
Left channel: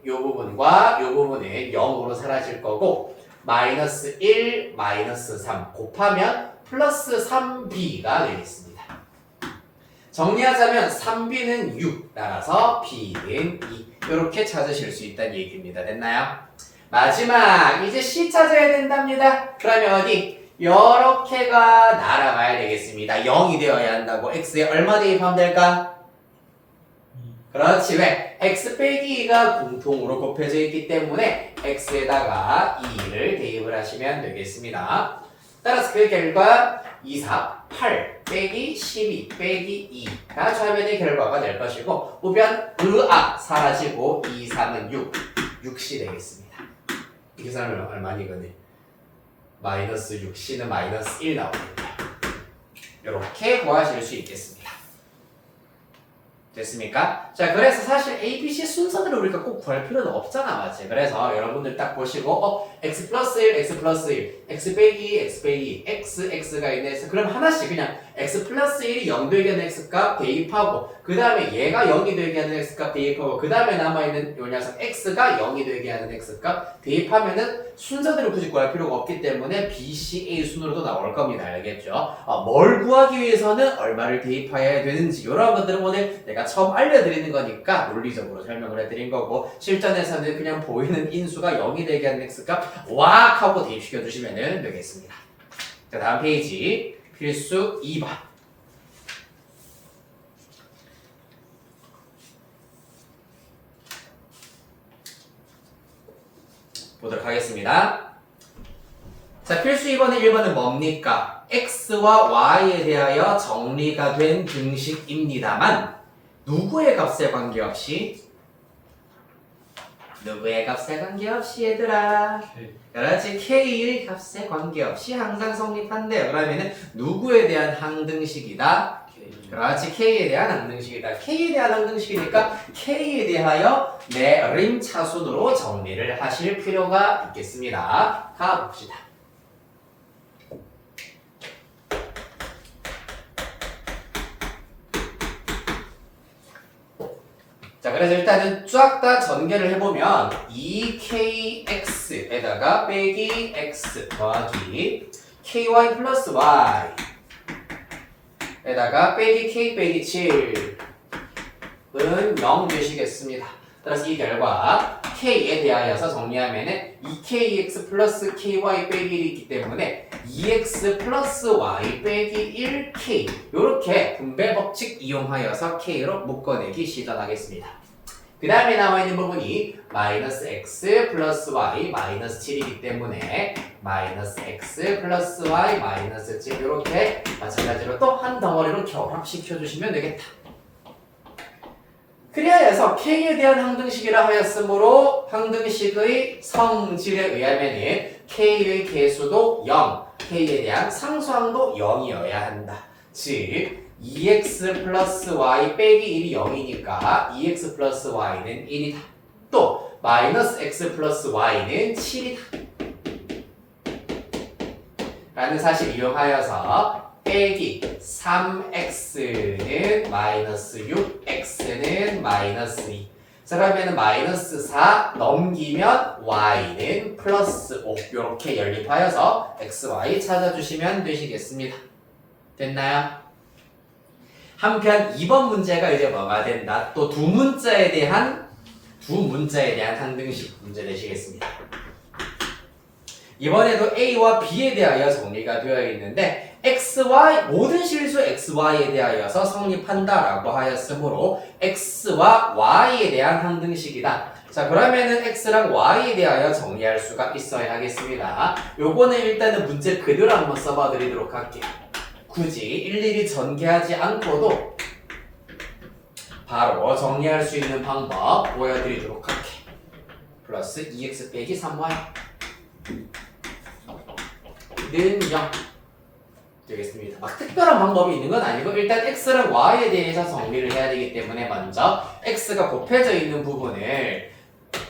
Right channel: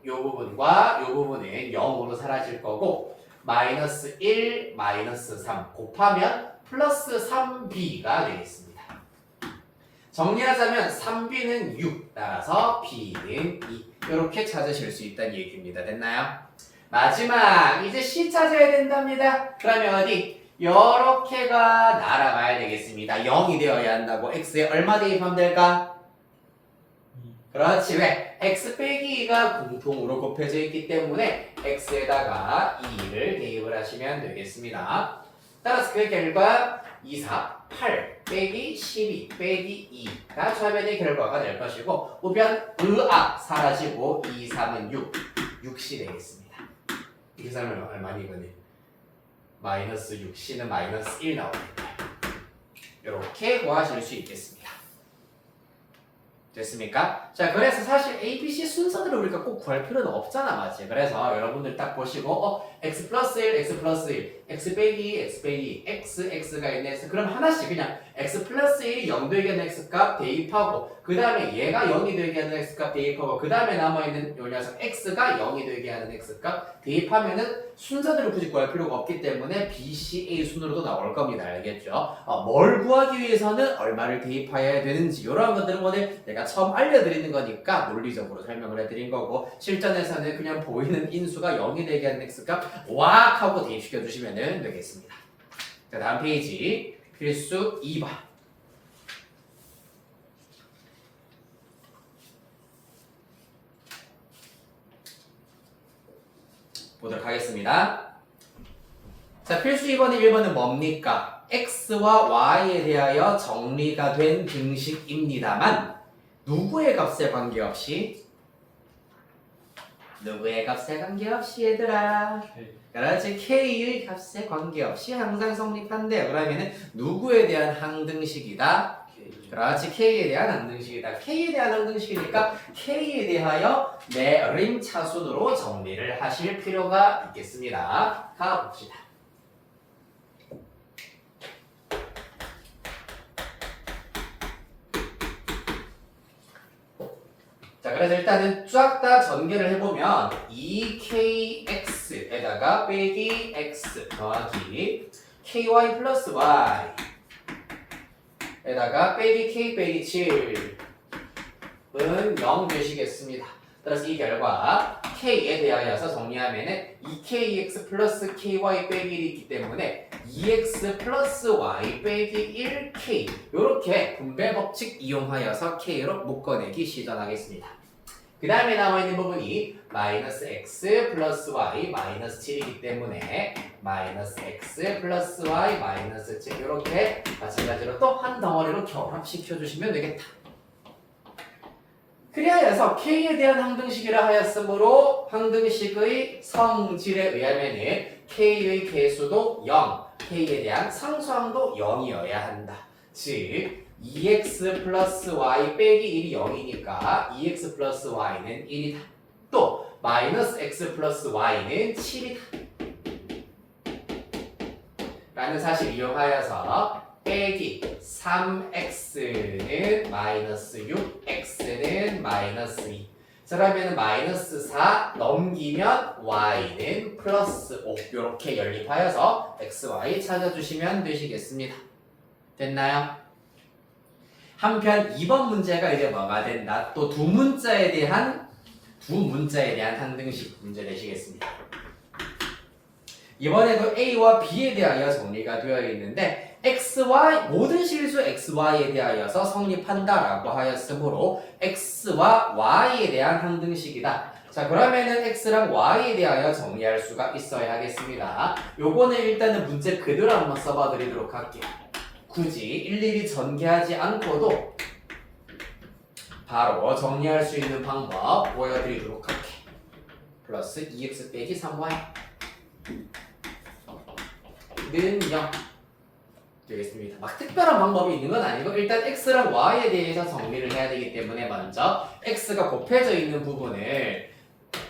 이 부분과 이 부분은 0으로 사라질 거고 마이너스 1 마이너스 3 곱하면 플러스 3b가 되겠습니다. 정리하자면 3b는 6 따라서 b는 2 이렇게 찾으실 수 있다는 얘기입니다. 됐나요? 마지막 이제 C 찾아야 된답니다. 그러면 어디? 요렇게가 날아가야 되겠습니다. 0이 되어야 한다고 x에 얼마 대입하면 될까? 그렇지. 왜? x 빼기 2가 공통으로 곱해져 있기 때문에 x에다가 2를 대입을 하시면 되겠습니다. 따라서 그 결과 2, 4, 8 빼기 12 빼기 2가 좌변의 결과가 될 것이고 우변 으아 사라지고 2, 3은 6, 6시 되겠습니다. 이 계산은 얼마니거니? 마이너스 6c는 마이너스 1 나오겠네요. 이렇게 구하실 수 있겠습니다. 됐습니까? 자, 그래서 사실 A, B, C 순서대로 우리가 꼭 구할 필요는 없잖아, 맞지? 그래서 여러분들 딱 보시고, x 플러스 1, x 플러스 1, x 빼기 2, x 빼기 2, x, x가 있네. 그럼 하나씩 그냥 x 플러스 1이 0 되게 하는 x 값 대입하고, 그 다음에 얘가 0이 되게 하는 x 값 대입하고, 그 다음에 남아있는 요 녀석 x가 0이 되게 하는 x 값 대입하면은 순서대로 굳이 구할 필요가 없기 때문에 B, C, A 순으로도 나올 겁니다. 알겠죠? 뭘 구하기 위해서는 얼마를 대입해야 되는지 이런 것들은 오늘 내가 처음 알려드리는 거니까 논리적으로 설명을 해드린 거고 실전에서는 그냥 보이는 인수가 0이 되게 하는 x값 왁 하고 대입시켜 주시면 되겠습니다. 자, 다음 페이지 필수 2번 보도록 하겠습니다. 자, 필수 2번의 1번은 뭡니까? x와 y에 대하여 정리가 된 등식입니다만 누구의 값에 관계없이 얘들아 그렇지 k의 값에 관계없이 항상 성립한대요. 그러면은 누구에 대한 항등식이다? 그렇지 k에 대한 항등식이다. k에 대한 항등식이니까 k에 대하여 내림 차순으로 정리를 하실 필요가 있겠습니다. 가봅시다. 자, 그래서 일단은 쫙 다 전개를 해보면 2kx에다가 빼기 x 더하기 ky 플러스 y 에다가 빼기 k 빼기 7은 0 되시겠습니다. 따라서 이 결과 k에 대하여서 정리하면은 2kx 플러스 ky 빼기 1이 있기 때문에 2x 플러스 y 빼기 1k 이렇게 분배 법칙 이용하여서 k로 묶어내기 시전하겠습니다. 그 다음에 나와있는 부분이 마이너스 x 플러스 y 마이너스 7이기 때문에 마이너스 x 플러스 y 마이너스 7 이렇게 마찬가지로 또 한 덩어리로 결합시켜주시면 되겠다. 그리하여서 k에 대한 항등식이라 하였으므로 항등식의 성질에 의하면 k의 개수도 0, k에 대한 상수항도 0이어야 한다. 즉 2x 플러스 y 빼기 1이 0이니까 2x 플러스 y는 1이다. 또 마이너스 x 플러스 y는 7이다. 라는 사실 이용하여서 빼기 3x는 마이너스 6x는 마이너스 2 그러면 마이너스 4 넘기면 y는 플러스 5 이렇게 연립하여서 xy 찾아주시면 되시겠습니다. 됐나요? 한편 2번 문제가 이제 뭐가 된다? 또 두 문자에 대한 항등식 문제 내시겠습니다. 이번에도 A와 B에 대하여 정리가 되어 있는데 XY 모든 실수 XY에 대하여서 성립한다라고 하였으므로 X와 Y에 대한 항등식이다. 자, 그러면은 X랑 Y에 대하여 정리할 수가 있어야 하겠습니다. 요거는 일단은 문제 그대로 한번 써봐 드리도록 할게요. 굳이 일일이 전개하지 않고도 바로 정리할 수 있는 방법 보여드리도록 할게. 플러스 2x 빼기 3y 는 0 되겠습니다. 막 특별한 방법이 있는 건 아니고 일단 x랑 y에 대해서 정리를 해야 되기 때문에 먼저 x가 곱해져 있는 부분을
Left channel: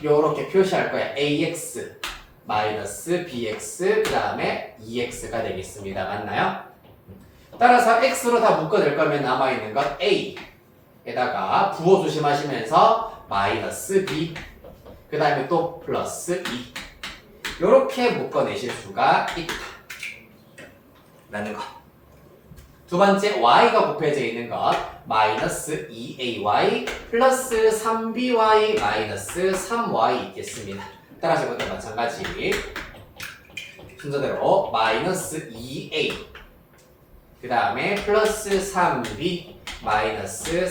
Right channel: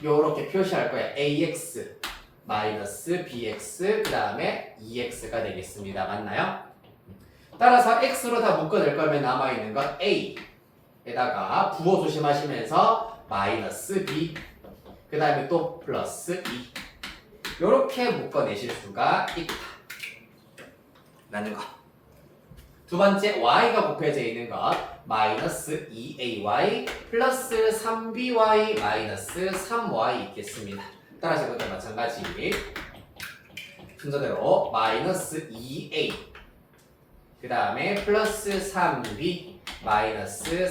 요렇게 표시할 거야. ax 마이너스 bx 그 다음에 2x가 되겠습니다. 맞나요? 따라서 x로 다 묶어낼 거면 남아있는 건 a에다가 부호 조심하시면서 마이너스 b 그 다음에 또 플러스 2 요렇게 묶어내실 수가 있다 라는 것. 두 번째 y가 곱해져 있는 것 마이너스 2ay 플러스 3by 마이너스 3y 있겠습니다. 따라서 이것도 마찬가지 순서대로 마이너스 2a 그 다음에 플러스 3b 마이너스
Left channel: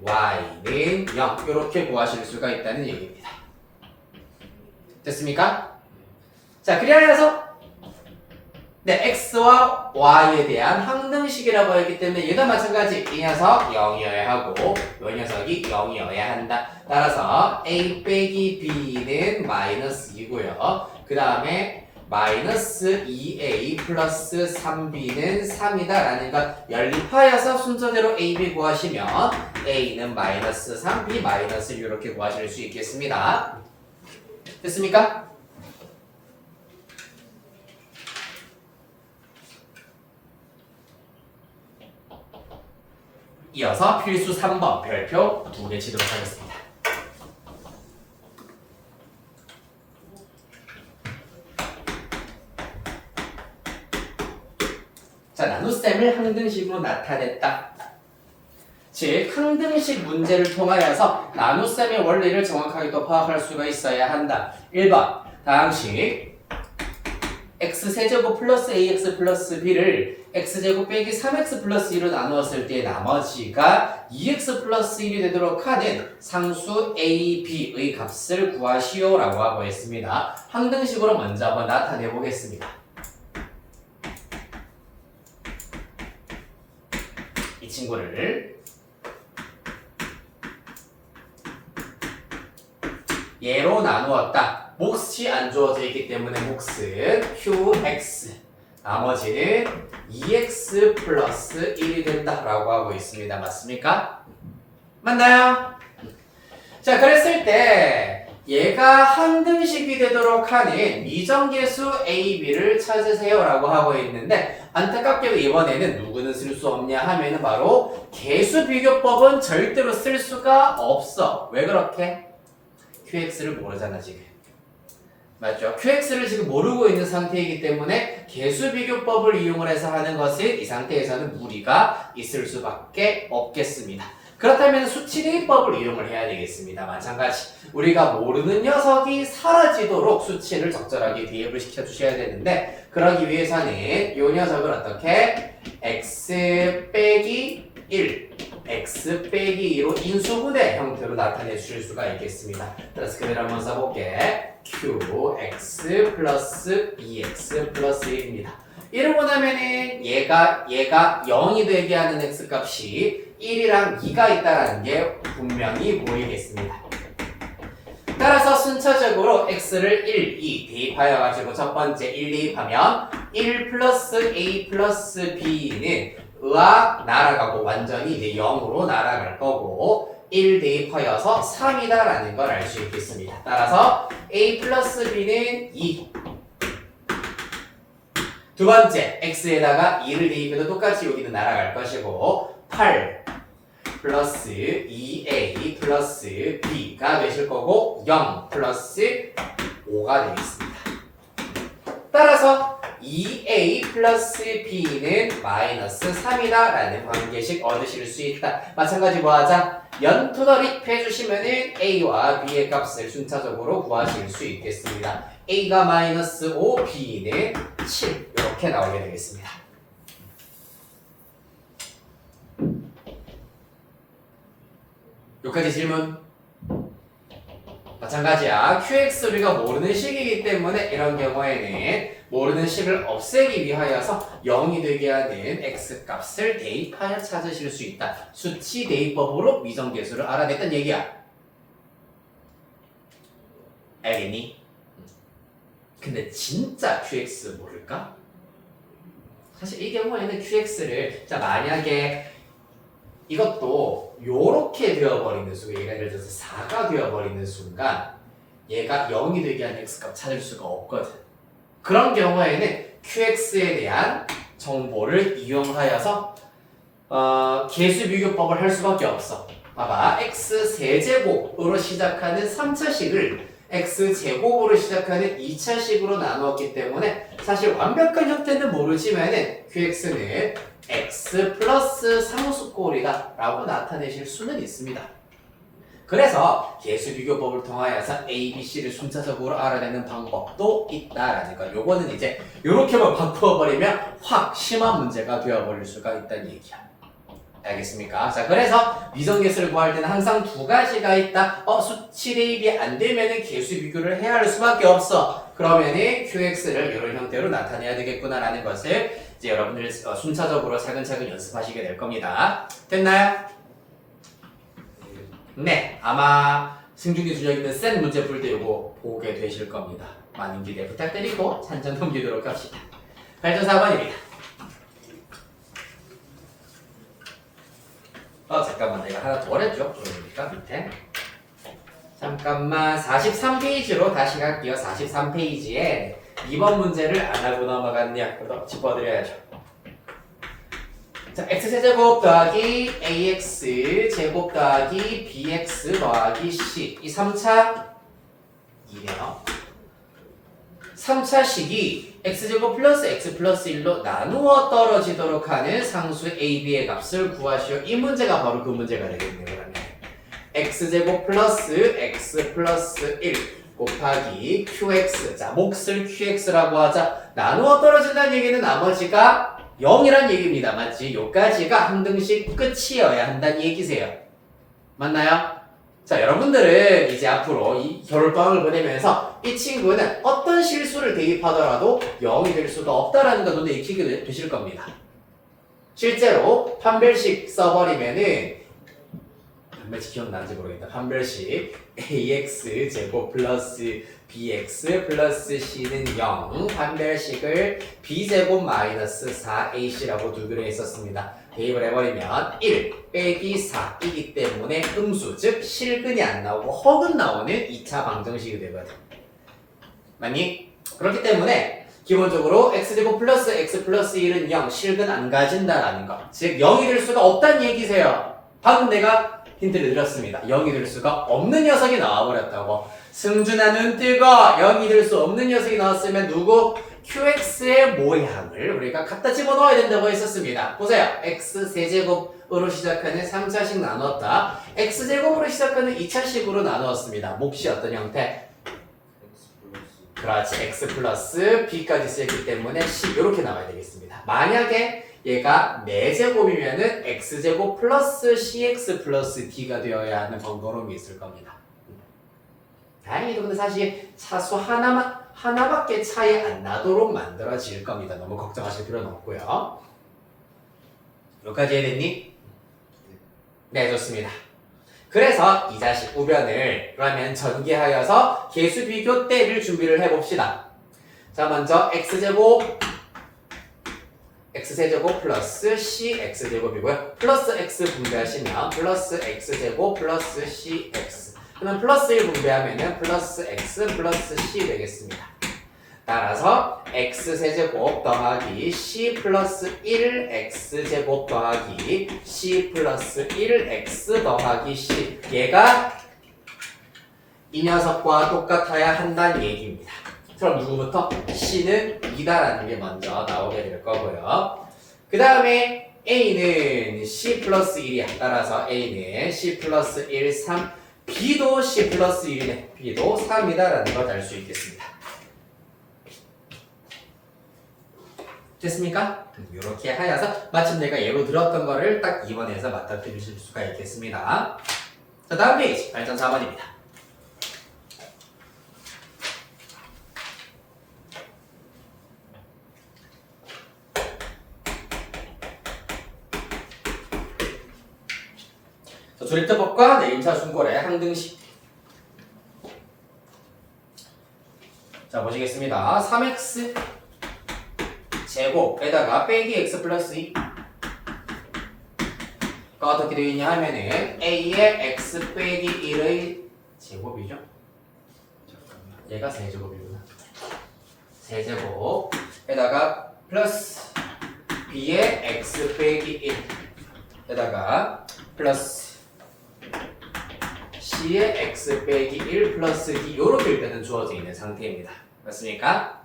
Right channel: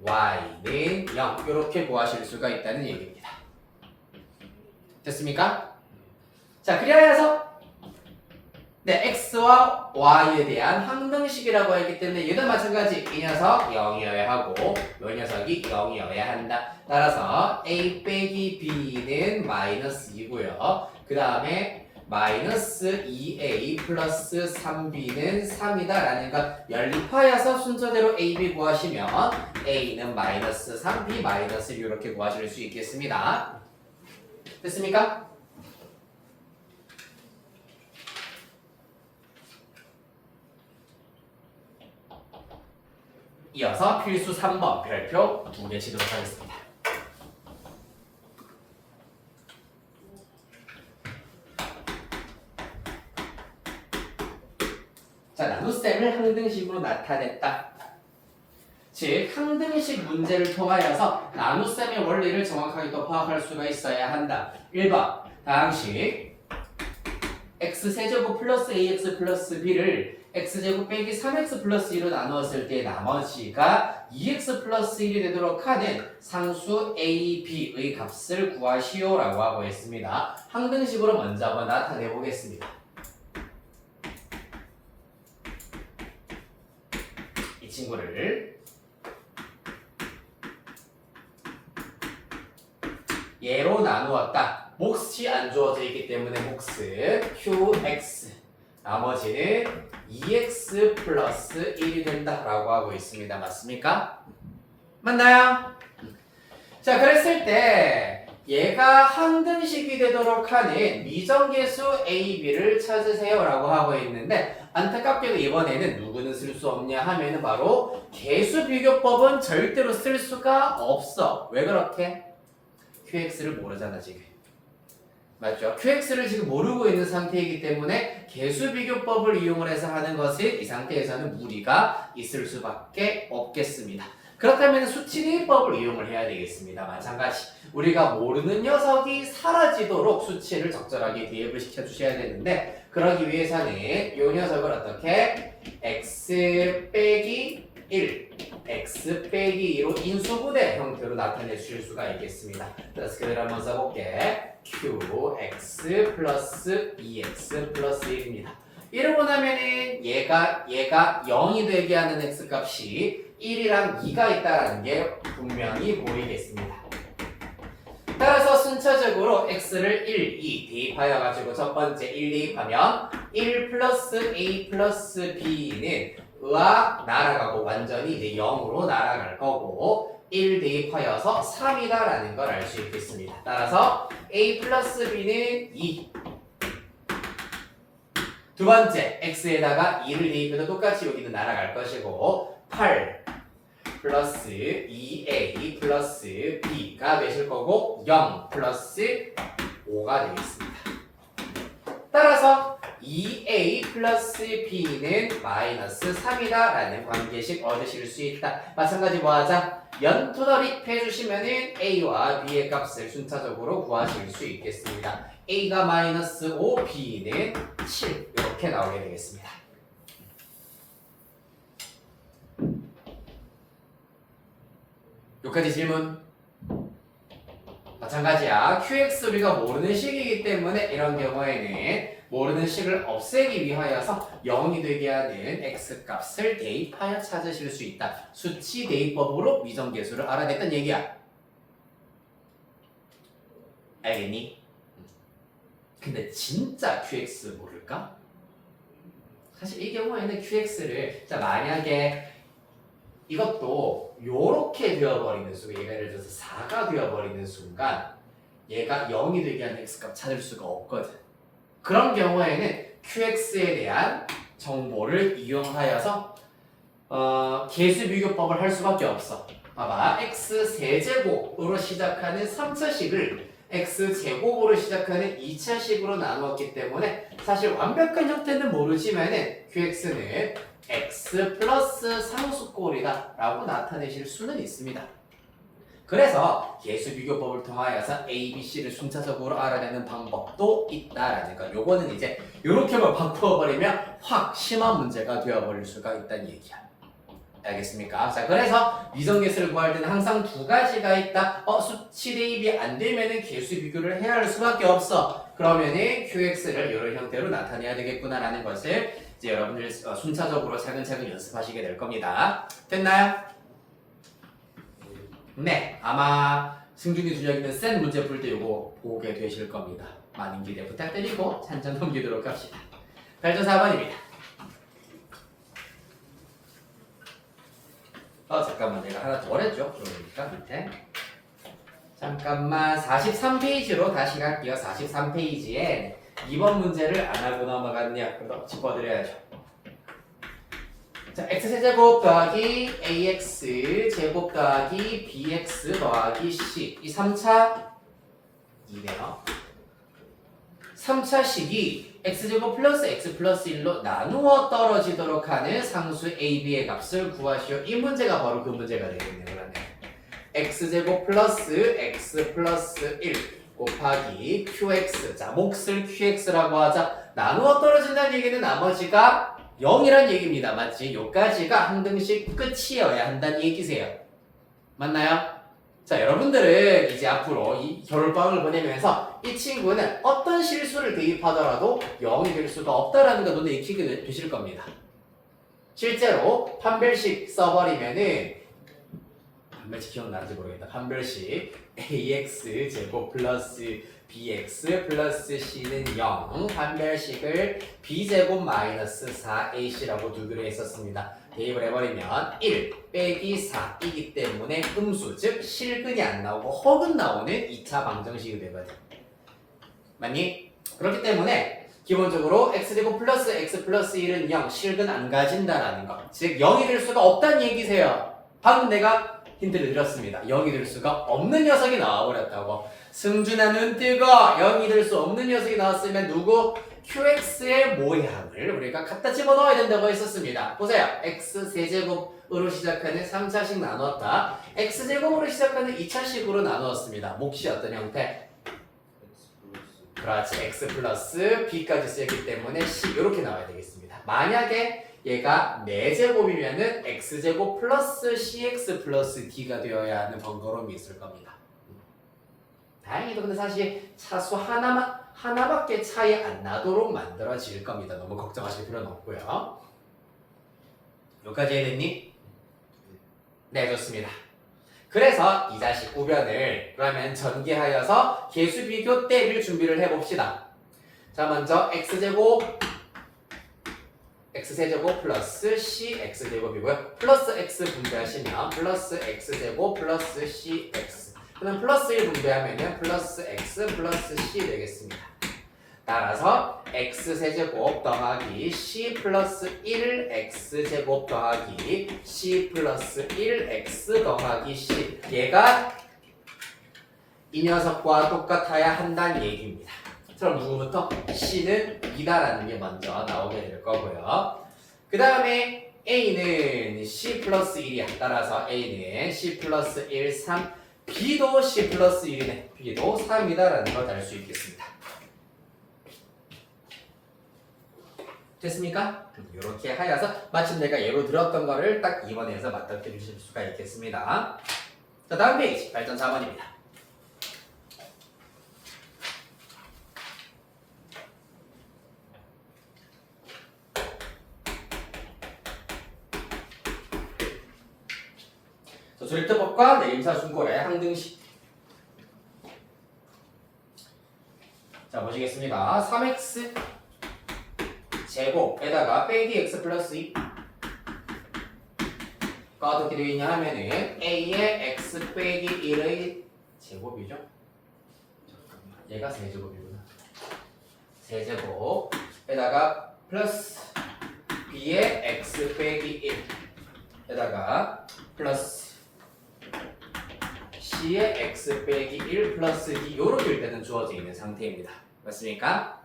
y는 0 이렇게 구하실 수가 있다는 얘기입니다. 됐습니까? 자, 그래서 네, x와 y에 대한 항등식이라고 했기 때문에 얘도 마찬가지. 이 녀석 0이어야 하고 이 녀석이 0이어야 한다. 따라서 a 빼기 b는 마이너스 2고요. 그 다음에 마이너스 2a 플러스 3b는 3이다 라는 것 연립하여서 순서대로 a, b 구하시면 a는 마이너스 3, b 마이너스 1 이렇게 구하실 수 있겠습니다. 됐습니까? 이어서 필수 3번 별표 2개 치도록 하겠습니다. 자, 나눗셈을 항등식으로 나타냈다. 즉, 항등식 문제를 통하여서 나눗셈의 원리를 정확하게 또 파악할 수가 있어야 한다. 1번, 다항식 x세제곱 플러스 ax 플러스 b를 x제곱 빼기 3x 플러스 1로 나누었을 때 나머지가 2x 플러스 1이 되도록 하는 상수 a, b의 값을 구하시오 라고 하고 있습니다. 항등식으로 먼저 한번 나타내 보겠습니다. 이 친구를 얘로 나누었다. 몫이 안 주어져 있기 때문에 몫은 qx 나머지는 2x 플러스 1이 된다라고 하고 있습니다. 맞습니까? 맞나요? 자, 그랬을 때 얘가 항등식이 되도록 하는 미정계수 a, b를 찾으세요 라고 하고 있는데 안타깝게도 이번에는 누구는 쓸 수 없냐 하면은 바로 계수비교법은 절대로 쓸 수가 없어. 왜 그렇게? qx를 모르잖아 지금. 맞죠? qx를 지금 모르고 있는 상태이기 때문에 계수비교법을 이용을 해서 하는 것은 이 상태에서는 무리가 있을 수밖에 없겠습니다. 그렇다면 수치대입법을 이용을 해야 되겠습니다. 마찬가지. 우리가 모르는 녀석이 사라지도록 수치를 적절하게 대입을 시켜주셔야 되는데 그러기 위해서는 이 녀석을 어떻게? x 빼기 1, x 빼기 2로 인수분해 형태로 나타내 주실 수가 있겠습니다. 그래서 그대로 한번 써볼게. qx 플러스 2x 플러스 1입니다. 이러고 나면은 얘가 0이 되게 하는 x값이 1이랑 2가 있다는 게 분명히 보이겠습니다. 따라서 순차적으로 x를 1, 2 대입하여 가지고 첫 번째 1 대입하면 1 플러스 a 플러스 b는 으악 날아가고 완전히 이제 0으로 날아갈 거고 1 대입하여서 3이다 라는 걸 알 수 있겠습니다. 따라서 a 플러스 b는 2 두 번째 x에다가 2를 대입해도 똑같이 여기는 날아갈 것이고 8 플러스 2a 플러스 b가 되실 거고 0 플러스 5가 되겠습니다. 따라서 2a 플러스 b는 마이너스 3이다 라는 관계식 얻으실 수 있다. 마찬가지 뭐 하자? 연투더리 해주시면은 a와 b의 값을 순차적으로 구하실 수 있겠습니다. a가 마이너스 5, b는 7 이렇게 나오게 되겠습니다. 여기까지 질문? 마찬가지야. qx 우리가 모르는 식이기 때문에 이런 경우에는 모르는 식을 없애기 위하여서 0이 되게 하는 x값을 대입하여 찾으실 수 있다. 수치 대입법으로 미정계수를 알아냈던 얘기야. 알겠니? 근데 진짜 qx 모를까? 사실 이 경우에는 qx를 자 만약에 이것도 요렇게 되어버리는 순간 얘가 예를 들어서 4가 되어버리는 순간 얘가 0이 되게 하는 x값 찾을 수가 없거든. 그런 경우에는 qx에 대한 정보를 이용하여서 계수비교법을 할 수밖에 없어. 봐봐. x세제곱으로 시작하는 3차식을 x제곱으로 시작하는 2차식으로 나누었기 때문에 사실 완벽한 형태는 모르지만은 qx는 x 플러스 상수꼴이다 라고 나타내실 수는 있습니다. 그래서 계수비교법을 통하여서 a, b, c를 순차적으로 알아내는 방법도 있다라는 거. 요거는 이제 요렇게만 바꾸어버리면 확 심한 문제가 되어버릴 수가 있다는 얘기야. 알겠습니까? 자, 그래서 미정계수를 구할 때는 항상 두 가지가 있다. 수치 대입이 안 되면은 계수 비교를 해야 할 수밖에 없어. 그러면은 QX를 이런 형태로 나타내야 되겠구나라는 것을 이제 여러분들 순차적으로 차근차근 연습하시게 될 겁니다. 됐나요? 네, 아마 승준이 준혁 있는 센 문제 풀 때 이거 보게 되실 겁니다. 많은 기대 부탁드리고 찬찬 넘기도록 합시다. 8점 4번입니다. 잠깐만 내가 하나 더 했죠? 그러니까 밑에 잠깐만 43페이지로 다시 갈게요. 43페이지에 2번 문제를 안 하고 넘어갔네요. 짚어드려야죠. 자, x제곱 더하기 ax 제곱 더하기 bx 더하기 c 이 3차 2네요. 3차식이 x제곱 플러스 x 플러스 1로 나누어 떨어지도록 하는 상수 a, b의 값을 구하시오. 이 문제가 바로 그 문제가 되겠네요. 그러면 x제곱 플러스 x 플러스 1 곱하기 qx. 자, 몫을 qx라고 하자. 나누어 떨어진다는 얘기는 나머지가 0이란 얘기입니다. 맞지? 요까지가 항등식 끝이어야 한다는 얘기세요. 맞나요? 자, 여러분들은 이제 앞으로 이 겨울방학을 보내면서 이 친구는 어떤 실수를 대입하더라도 0이 될 수가 없다라는 거 눈에 익히게 되실 겁니다. 실제로 판별식 써버리면은 판별식 기억나는지 모르겠다. 판별식 ax 제곱 플러스 bx 플러스 c는 0 판별식을 b제곱 마이너스 4ac라고 두기로 했었습니다. 대입을 해버리면 1 빼기 4이기 때문에 음수 즉 실근이 안 나오고 허근 나오는 2차 방정식이 되거든. 맞니? 그렇기 때문에 기본적으로 x제곱 플러스 x 플러스 1은 0 실근 안 가진다라는 것 즉 0이 될 수가 없다는 얘기세요. 방금 내가 힌트를 드렸습니다. 0이 될 수가 없는 녀석이 나와버렸다고. 승준아 눈 뜨고 0이 될 수 없는 녀석이 나왔으면 누구? QX의 모양을 우리가 갖다 집어넣어야 된다고 했었습니다. 보세요. X 세제곱으로 시작하는 3차식 나눴다. X제곱으로 시작하는 2차식으로 나누었습니다. 몫이 어떤 형태? 그렇지. X 플러스 B까지 쓰였기 때문에 C 이렇게 나와야 되겠습니다. 만약에 얘가 4제곱이면은 X제곱 플러스 CX 플러스 D가 되어야 하는 번거로움이 있을 겁니다. 다행히도 근데 사실 차수 하나밖에 차이 안 나도록 만들어질 겁니다. 너무 걱정하실 필요는 없고요. 여기까지 해야겠니? 네, 좋습니다. 그래서 이 자식 우변을 그러면 전개하여서 계수 비교 때를 준비를 해봅시다. 자, 먼저 x세제곱 플러스 cx제곱이고요. 플러스 x 분배하시면 플러스 x제곱 플러스 cx 그러면 플러스 1 분배하면 플러스 x 플러스 c 되겠습니다. 따라서 x세제곱 더하기 c 플러스 1 x제곱 더하기 c 플러스 1 x 더하기 c 얘가 이 녀석과 똑같아야 한다는 얘기입니다. 그럼 누구부터? c는 2다라는 게 먼저 나오게 될 거고요. 그 다음에 a는 c 플러스 1이야. 따라서 a는 c 플러스 1, 3 b도 c 플러스 1이네. b도 3이다라는 걸 알 수 있겠습니다. 됐습니까? 이렇게 하여서 마침 내가 예로 들었던 거를 딱 2번에서 맞닥뜨리실 수가 있겠습니다. 자, 다음 페이지 8.4번입니다. 조립제법과 내림차 순골의 항등식. 자, 보시겠습니다. 3x 제곱에다가 빼기 x 플러스 2가 어떻게 되어 있냐 하면은 a의 x 빼기 1의 제곱이죠. 잠깐만, 얘가 세제곱이구나. 세제곱에다가 플러스 b의 x 빼기 1에다가 플러스 c의 x 빼기 1 플러스 d 이렇게 일단은 주어져 있는 상태입니다. 맞습니까?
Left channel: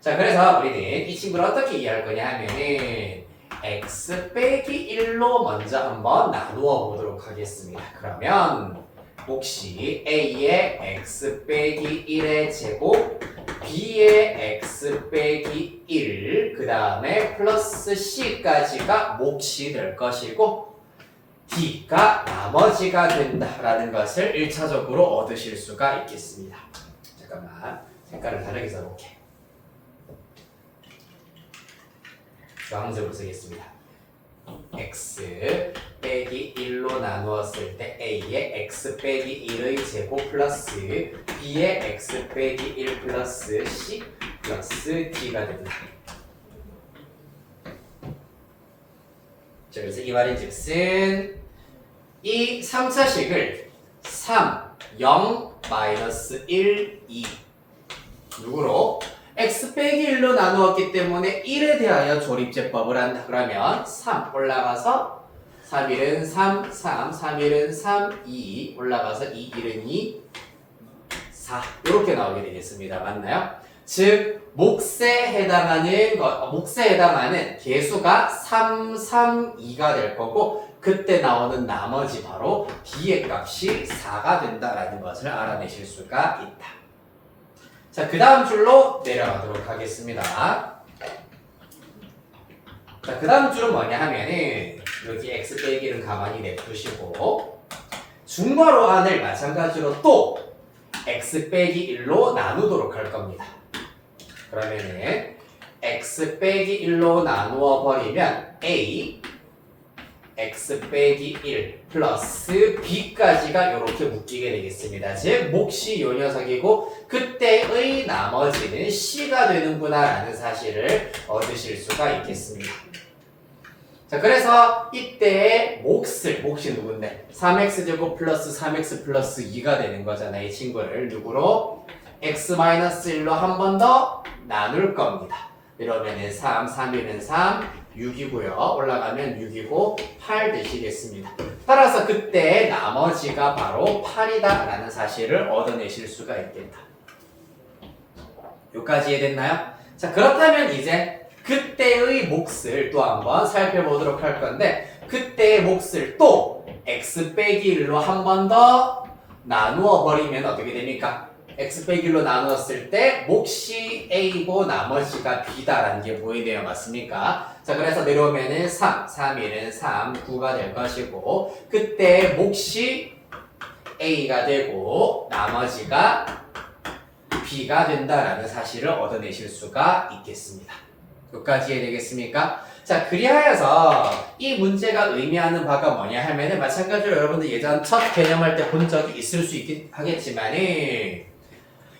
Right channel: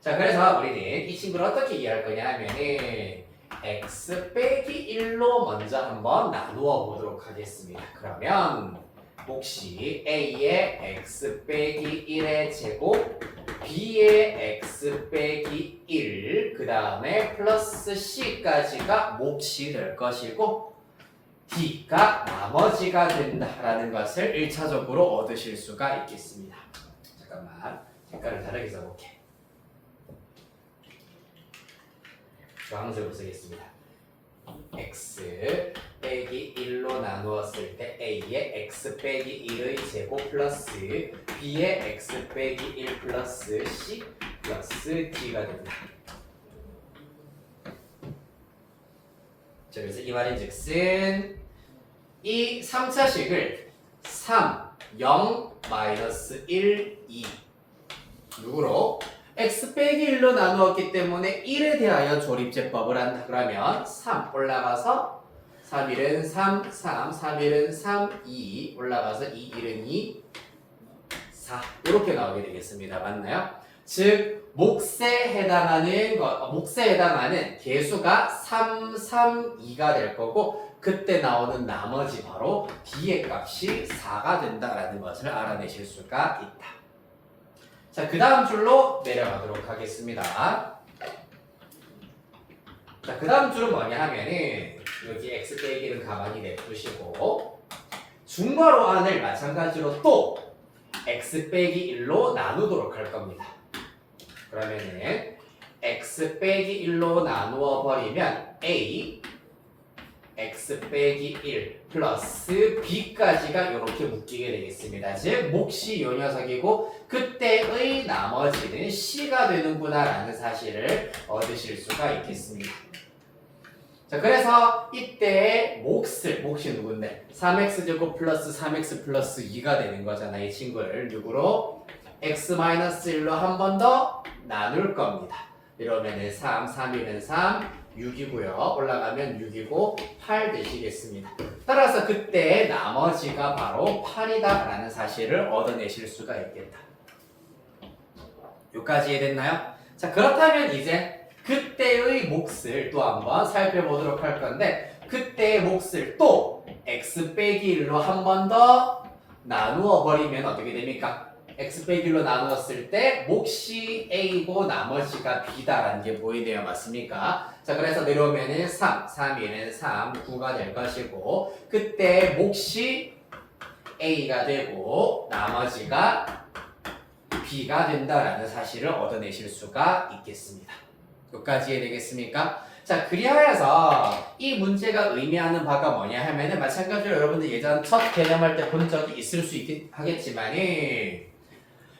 자, 그래서 우리는 이 친구를 어떻게 이해할 거냐 하면은 x 빼기 1로 먼저 한번 나누어 보도록 하겠습니다. 그러면 몫이 a의 x 빼기 1의 제곱 b의 x 빼기 1, 그 다음에 플러스 c까지가 몫이 될 것이고 d가 나머지가 된다라는 것을 1차적으로 얻으실 수가 있겠습니다. 잠깐만, 색깔을 다르게 써볼게. 주황색으로 쓰겠습니다. x 빼기 1로 나누었을 때 a의 x 빼기 1의 제곱 플러스 b의 x 빼기 1 플러스 c 플러스 d가 됩니다. 자, 그래서 이 말인즉슨 이 3차식을 3, 0, 마이너스 1, 2 누구로? x 빼기 1로 나누었기 때문에 1에 대하여 조립제법을 한다. 그러면 3 올라가서 3, 1은 3, 3, 3, 1은 3, 2 올라가서 2, 1은 2, 4 이렇게 나오게 되겠습니다. 맞나요? 즉 몫에 해당하는 개수가 3, 3, 2가 될 거고 그때 나오는 나머지 바로 b의 값이 4가 된다라는 것을 알아내실 수가 있다. 자, 그 다음 줄로 내려가도록 하겠습니다. 자, 그 다음 줄은 뭐냐 하면은 여기 x 빼기를 가만히 냅두시고 중괄호 안을 마찬가지로 또 x 빼기 1로 나누도록 할 겁니다. 그러면은 x 빼기 1로 나누어 버리면 a x 빼기 1 플러스 b까지가 이렇게 묶이게 되겠습니다. 즉 몫이 요 녀석이고 그때의 나머지는 c가 되는구나 라는 사실을 얻으실 수가 있겠습니다. 자, 그래서 이때의 몫이 누군데? 3x제곱 플러스 3x 플러스 2가 되는 거잖아요. 이 친구를 누구로? x-1로 한 번 더 나눌 겁니다. 이러면은 3, 3, 1은 3, 6이고요. 올라가면 6이고 8 되시겠습니다. 따라서 그때 나머지가 바로 8이다 라는 사실을 얻어내실 수가 있겠다. 여기까지 이해됐나요? 자, 그렇다면 이제 그때의 몫을 또 한번 살펴보도록 할 건데 그때의 몫을 또 x 빼기 1로 한 번 더 나누어 버리면 어떻게 됩니까? x 빼기 1로 나누었을 때 몫이 a고 나머지가 b다라는 게 보이네요. 맞습니까? 자, 그래서 내려오면은 3, 3, 1은 3, 9가 될 것이고 그때 몫이 a가 되고 나머지가 b가 된다라는 사실을 얻어내실 수가 있겠습니다. 여기까지 이해되겠습니까? 자, 그리하여서 이 문제가 의미하는 바가 뭐냐 하면은 마찬가지로 여러분들 예전 첫 개념할 때 본 적이 있을 수 있긴 하겠지만은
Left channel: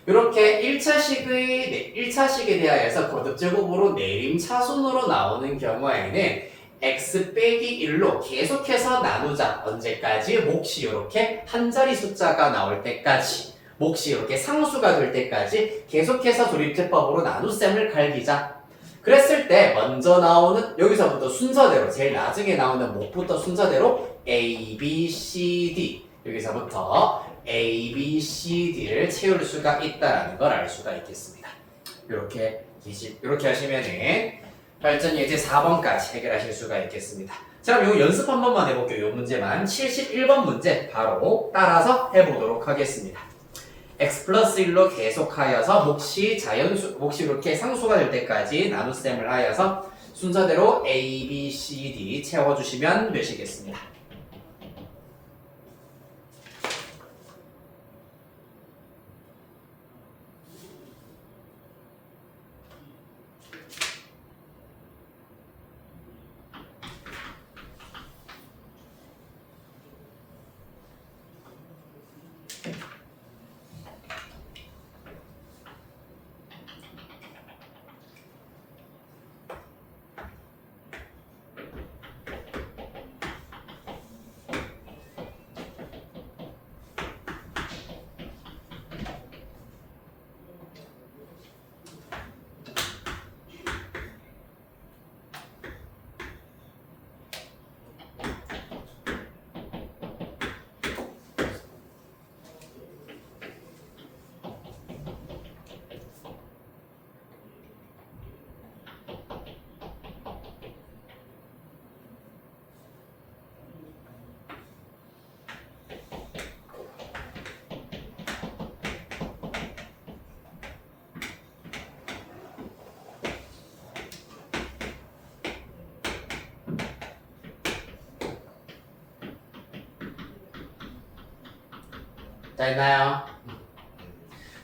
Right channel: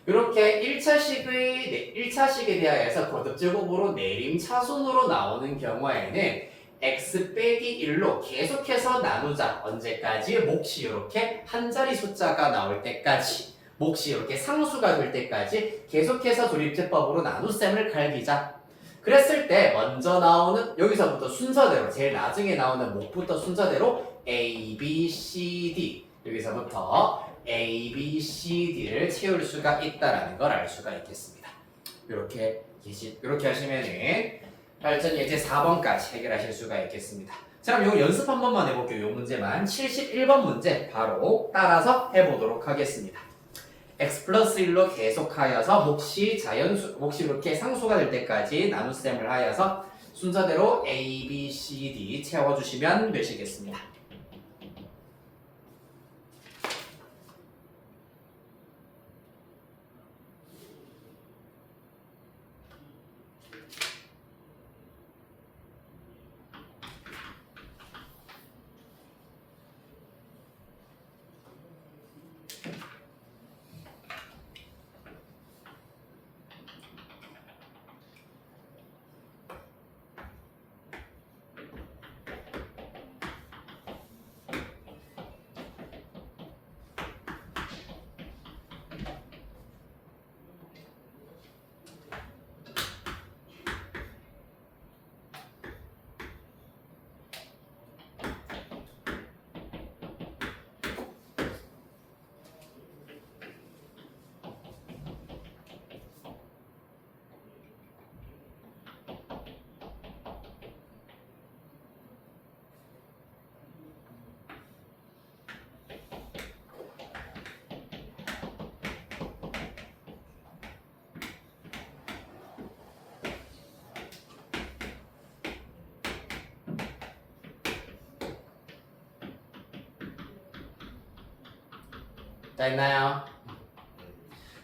이렇게 1차식에 대하여서 거듭제곱으로 내림차순으로 나오는 경우에는 x 빼기 1로 계속해서 나누자. 언제까지? 몫이 이렇게 한 자리 숫자가 나올 때까지 몫이 이렇게 상수가 될 때까지 계속해서 조립제법으로 나눗셈을 갈기자. 그랬을 때 먼저 나오는 여기서부터 순서대로 제일 나중에 나오는 몫부터 순서대로 A, B, C, D 여기서부터 A, B, C, D를 채울 수가 있다는 걸 알 수가 있겠습니다. 이렇게 하시면은 발전 예제 4번까지 해결하실 수가 있겠습니다. 자, 그럼 이거 연습 한 번만 해볼게요. 이 문제만 71번 문제 바로 따라서 해보도록 하겠습니다. x 플러스 1로 계속하여서 몫이 이렇게 상수가 될 때까지 나눗셈을 하여서 순서대로 A, B, C, D 채워주시면 되시겠습니다. 됐나요?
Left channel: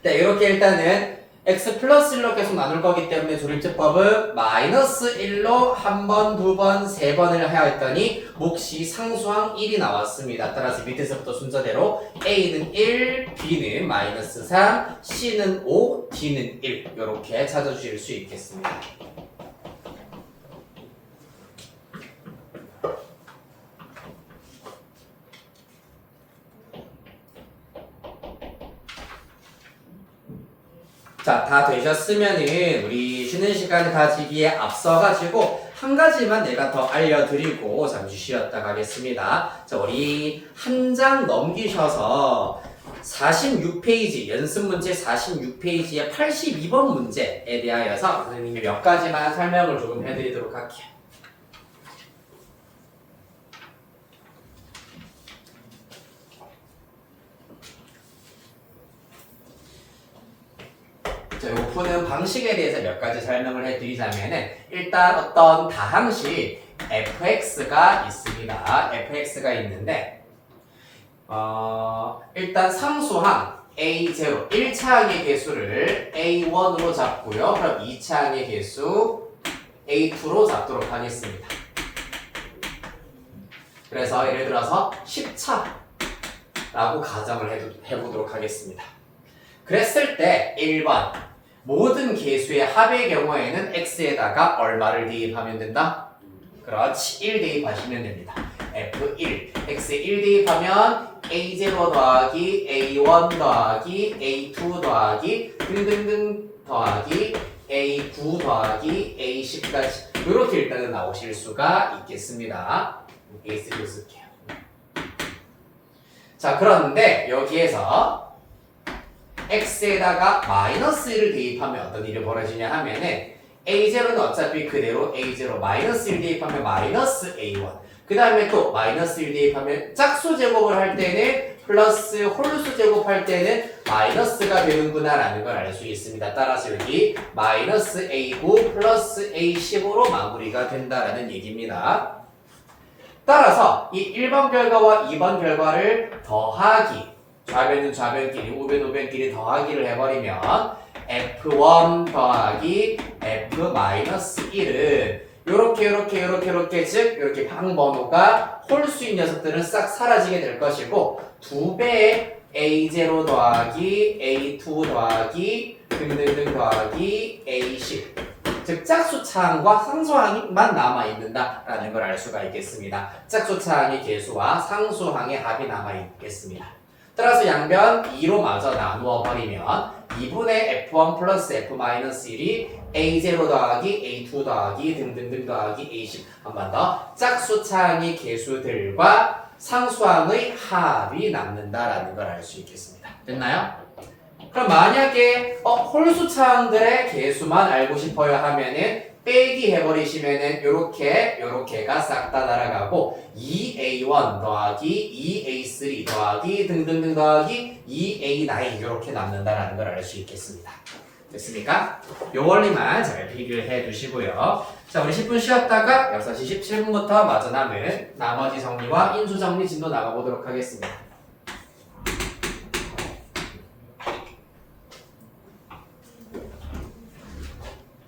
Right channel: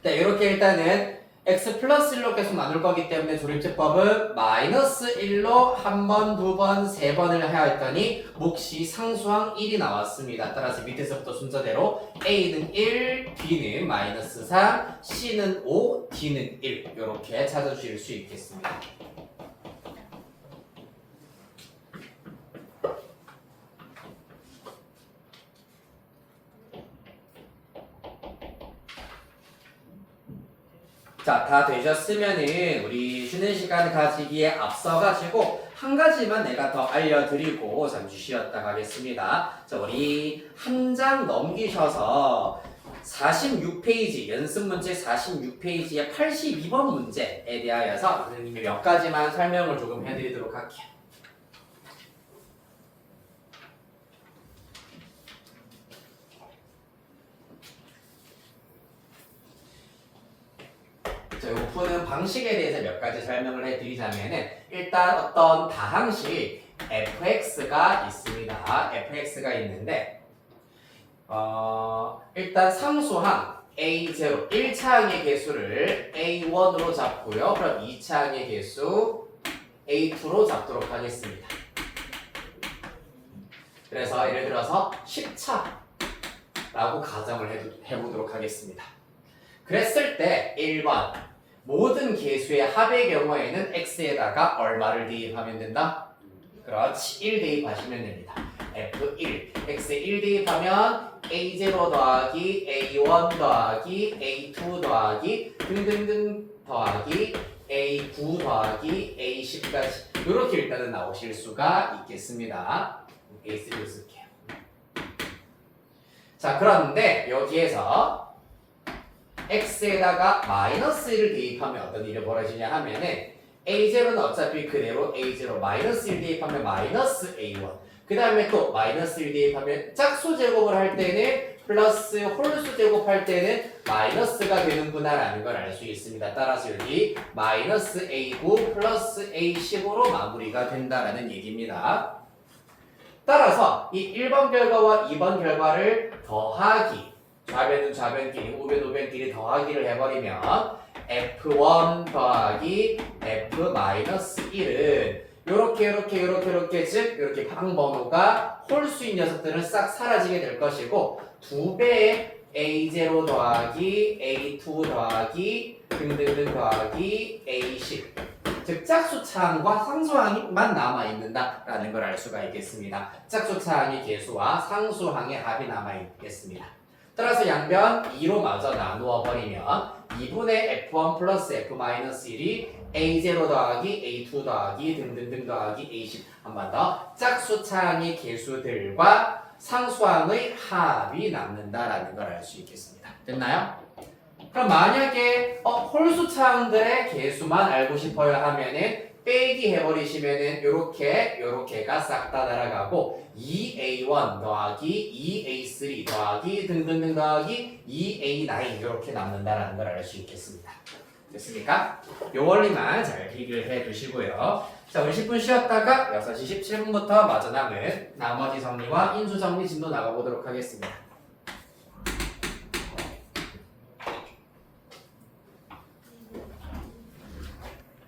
네, 이렇게 일단은 x 플러스 1로 계속 나눌 거기 때문에 조립제법은 마이너스 1로 한 번, 두 번, 세 번을 해야 했더니 몫이 상수항 1이 나왔습니다. 따라서 밑에서부터 순서대로 A는 1, B는 마이너스 3, C는 5, D는 1 이렇게 찾아주실 수 있겠습니다. 자, 다 되셨으면은 우리 쉬는 시간 가지기에 앞서가지고 한 가지만 내가 더 알려드리고 잠시 쉬었다 가겠습니다. 자, 우리 한 장 넘기셔서 46페이지, 연습문제 46페이지의 82번 문제에 대하여서 선생님이 몇 가지만 설명을 조금 해드리도록 할게요. 자, 요 푸는 방식에 대해서 몇 가지 설명을 해드리자면은 일단 어떤 다항식 fx가 있습니다. fx가 있는데 일단 상수항 a0 1차항의 개수를 a1으로 잡고요. 그럼 2차항의 개수 a2로 잡도록 하겠습니다. 그래서 예를 들어서 10차라고 가정을 해보도록 하겠습니다. 그랬을 때 1번 모든 개수의 합의 경우에는 x에다가 얼마를 대입하면 된다? 그렇지, 1 대입하시면 됩니다. f1 x에 1 대입하면 a0 더하기 a1 더하기 a2 더하기 등등등 더하기 a9 더하기 a10까지 이렇게 일단은 나오실 수가 있겠습니다. a3로 쓸게요. 자, 그런데 여기에서 x에다가 마이너스 1을 대입하면 어떤 일이 벌어지냐 하면은 a0는 어차피 그대로 a0 마이너스 1 대입하면 마이너스 a1 그 다음에 또 마이너스 1 대입하면 짝수 제곱을 할 때는 플러스 홀수 제곱할 때는 마이너스가 되는구나 라는 걸 알 수 있습니다. 따라서 여기 마이너스 a9 플러스 a10으로 마무리가 된다라는 얘기입니다. 따라서 이 1번 결과와 2번 결과를 더하기 좌변은 좌변끼리, 우변 우변끼리 더하기를 해버리면 f1 더하기 f-1은 요렇게 즉 이렇게 방번호가 홀수인 녀석들은 싹 사라지게 될 것이고 2배의 a0 더하기 a2 더하기 등등등 더하기 a10 즉 짝수차항과 상수항만 남아있는다라는 걸 알 수가 있겠습니다. 짝수차항의 개수와 상수항의 합이 남아있겠습니다. 따라서 양변 2로 마저 나누어 버리면 2분의 f1 플러스 f-1이 a0 더하기 a2 더하기 등등등 더하기 a10 한 번 더 짝수차항의 개수들과 상수항의 합이 남는다라는 걸 알 수 있겠습니다. 됐나요? 그럼 만약에 홀수차항들의 개수만 알고 싶어요 하면은 빼기 해버리시면은 요렇게가 싹 다 날아가고 2a1 더하기 2a3 더하기 등등등 더하기 2a9 이렇게 남는다라는 걸 알 수 있겠습니다. 됐습니까? 요 원리만 잘 비교를 해 두시고요. 자, 우리 10분 쉬었다가 6시 17분부터 마저 남은 나머지 정리와 인수 정리 진도 나가보도록 하겠습니다.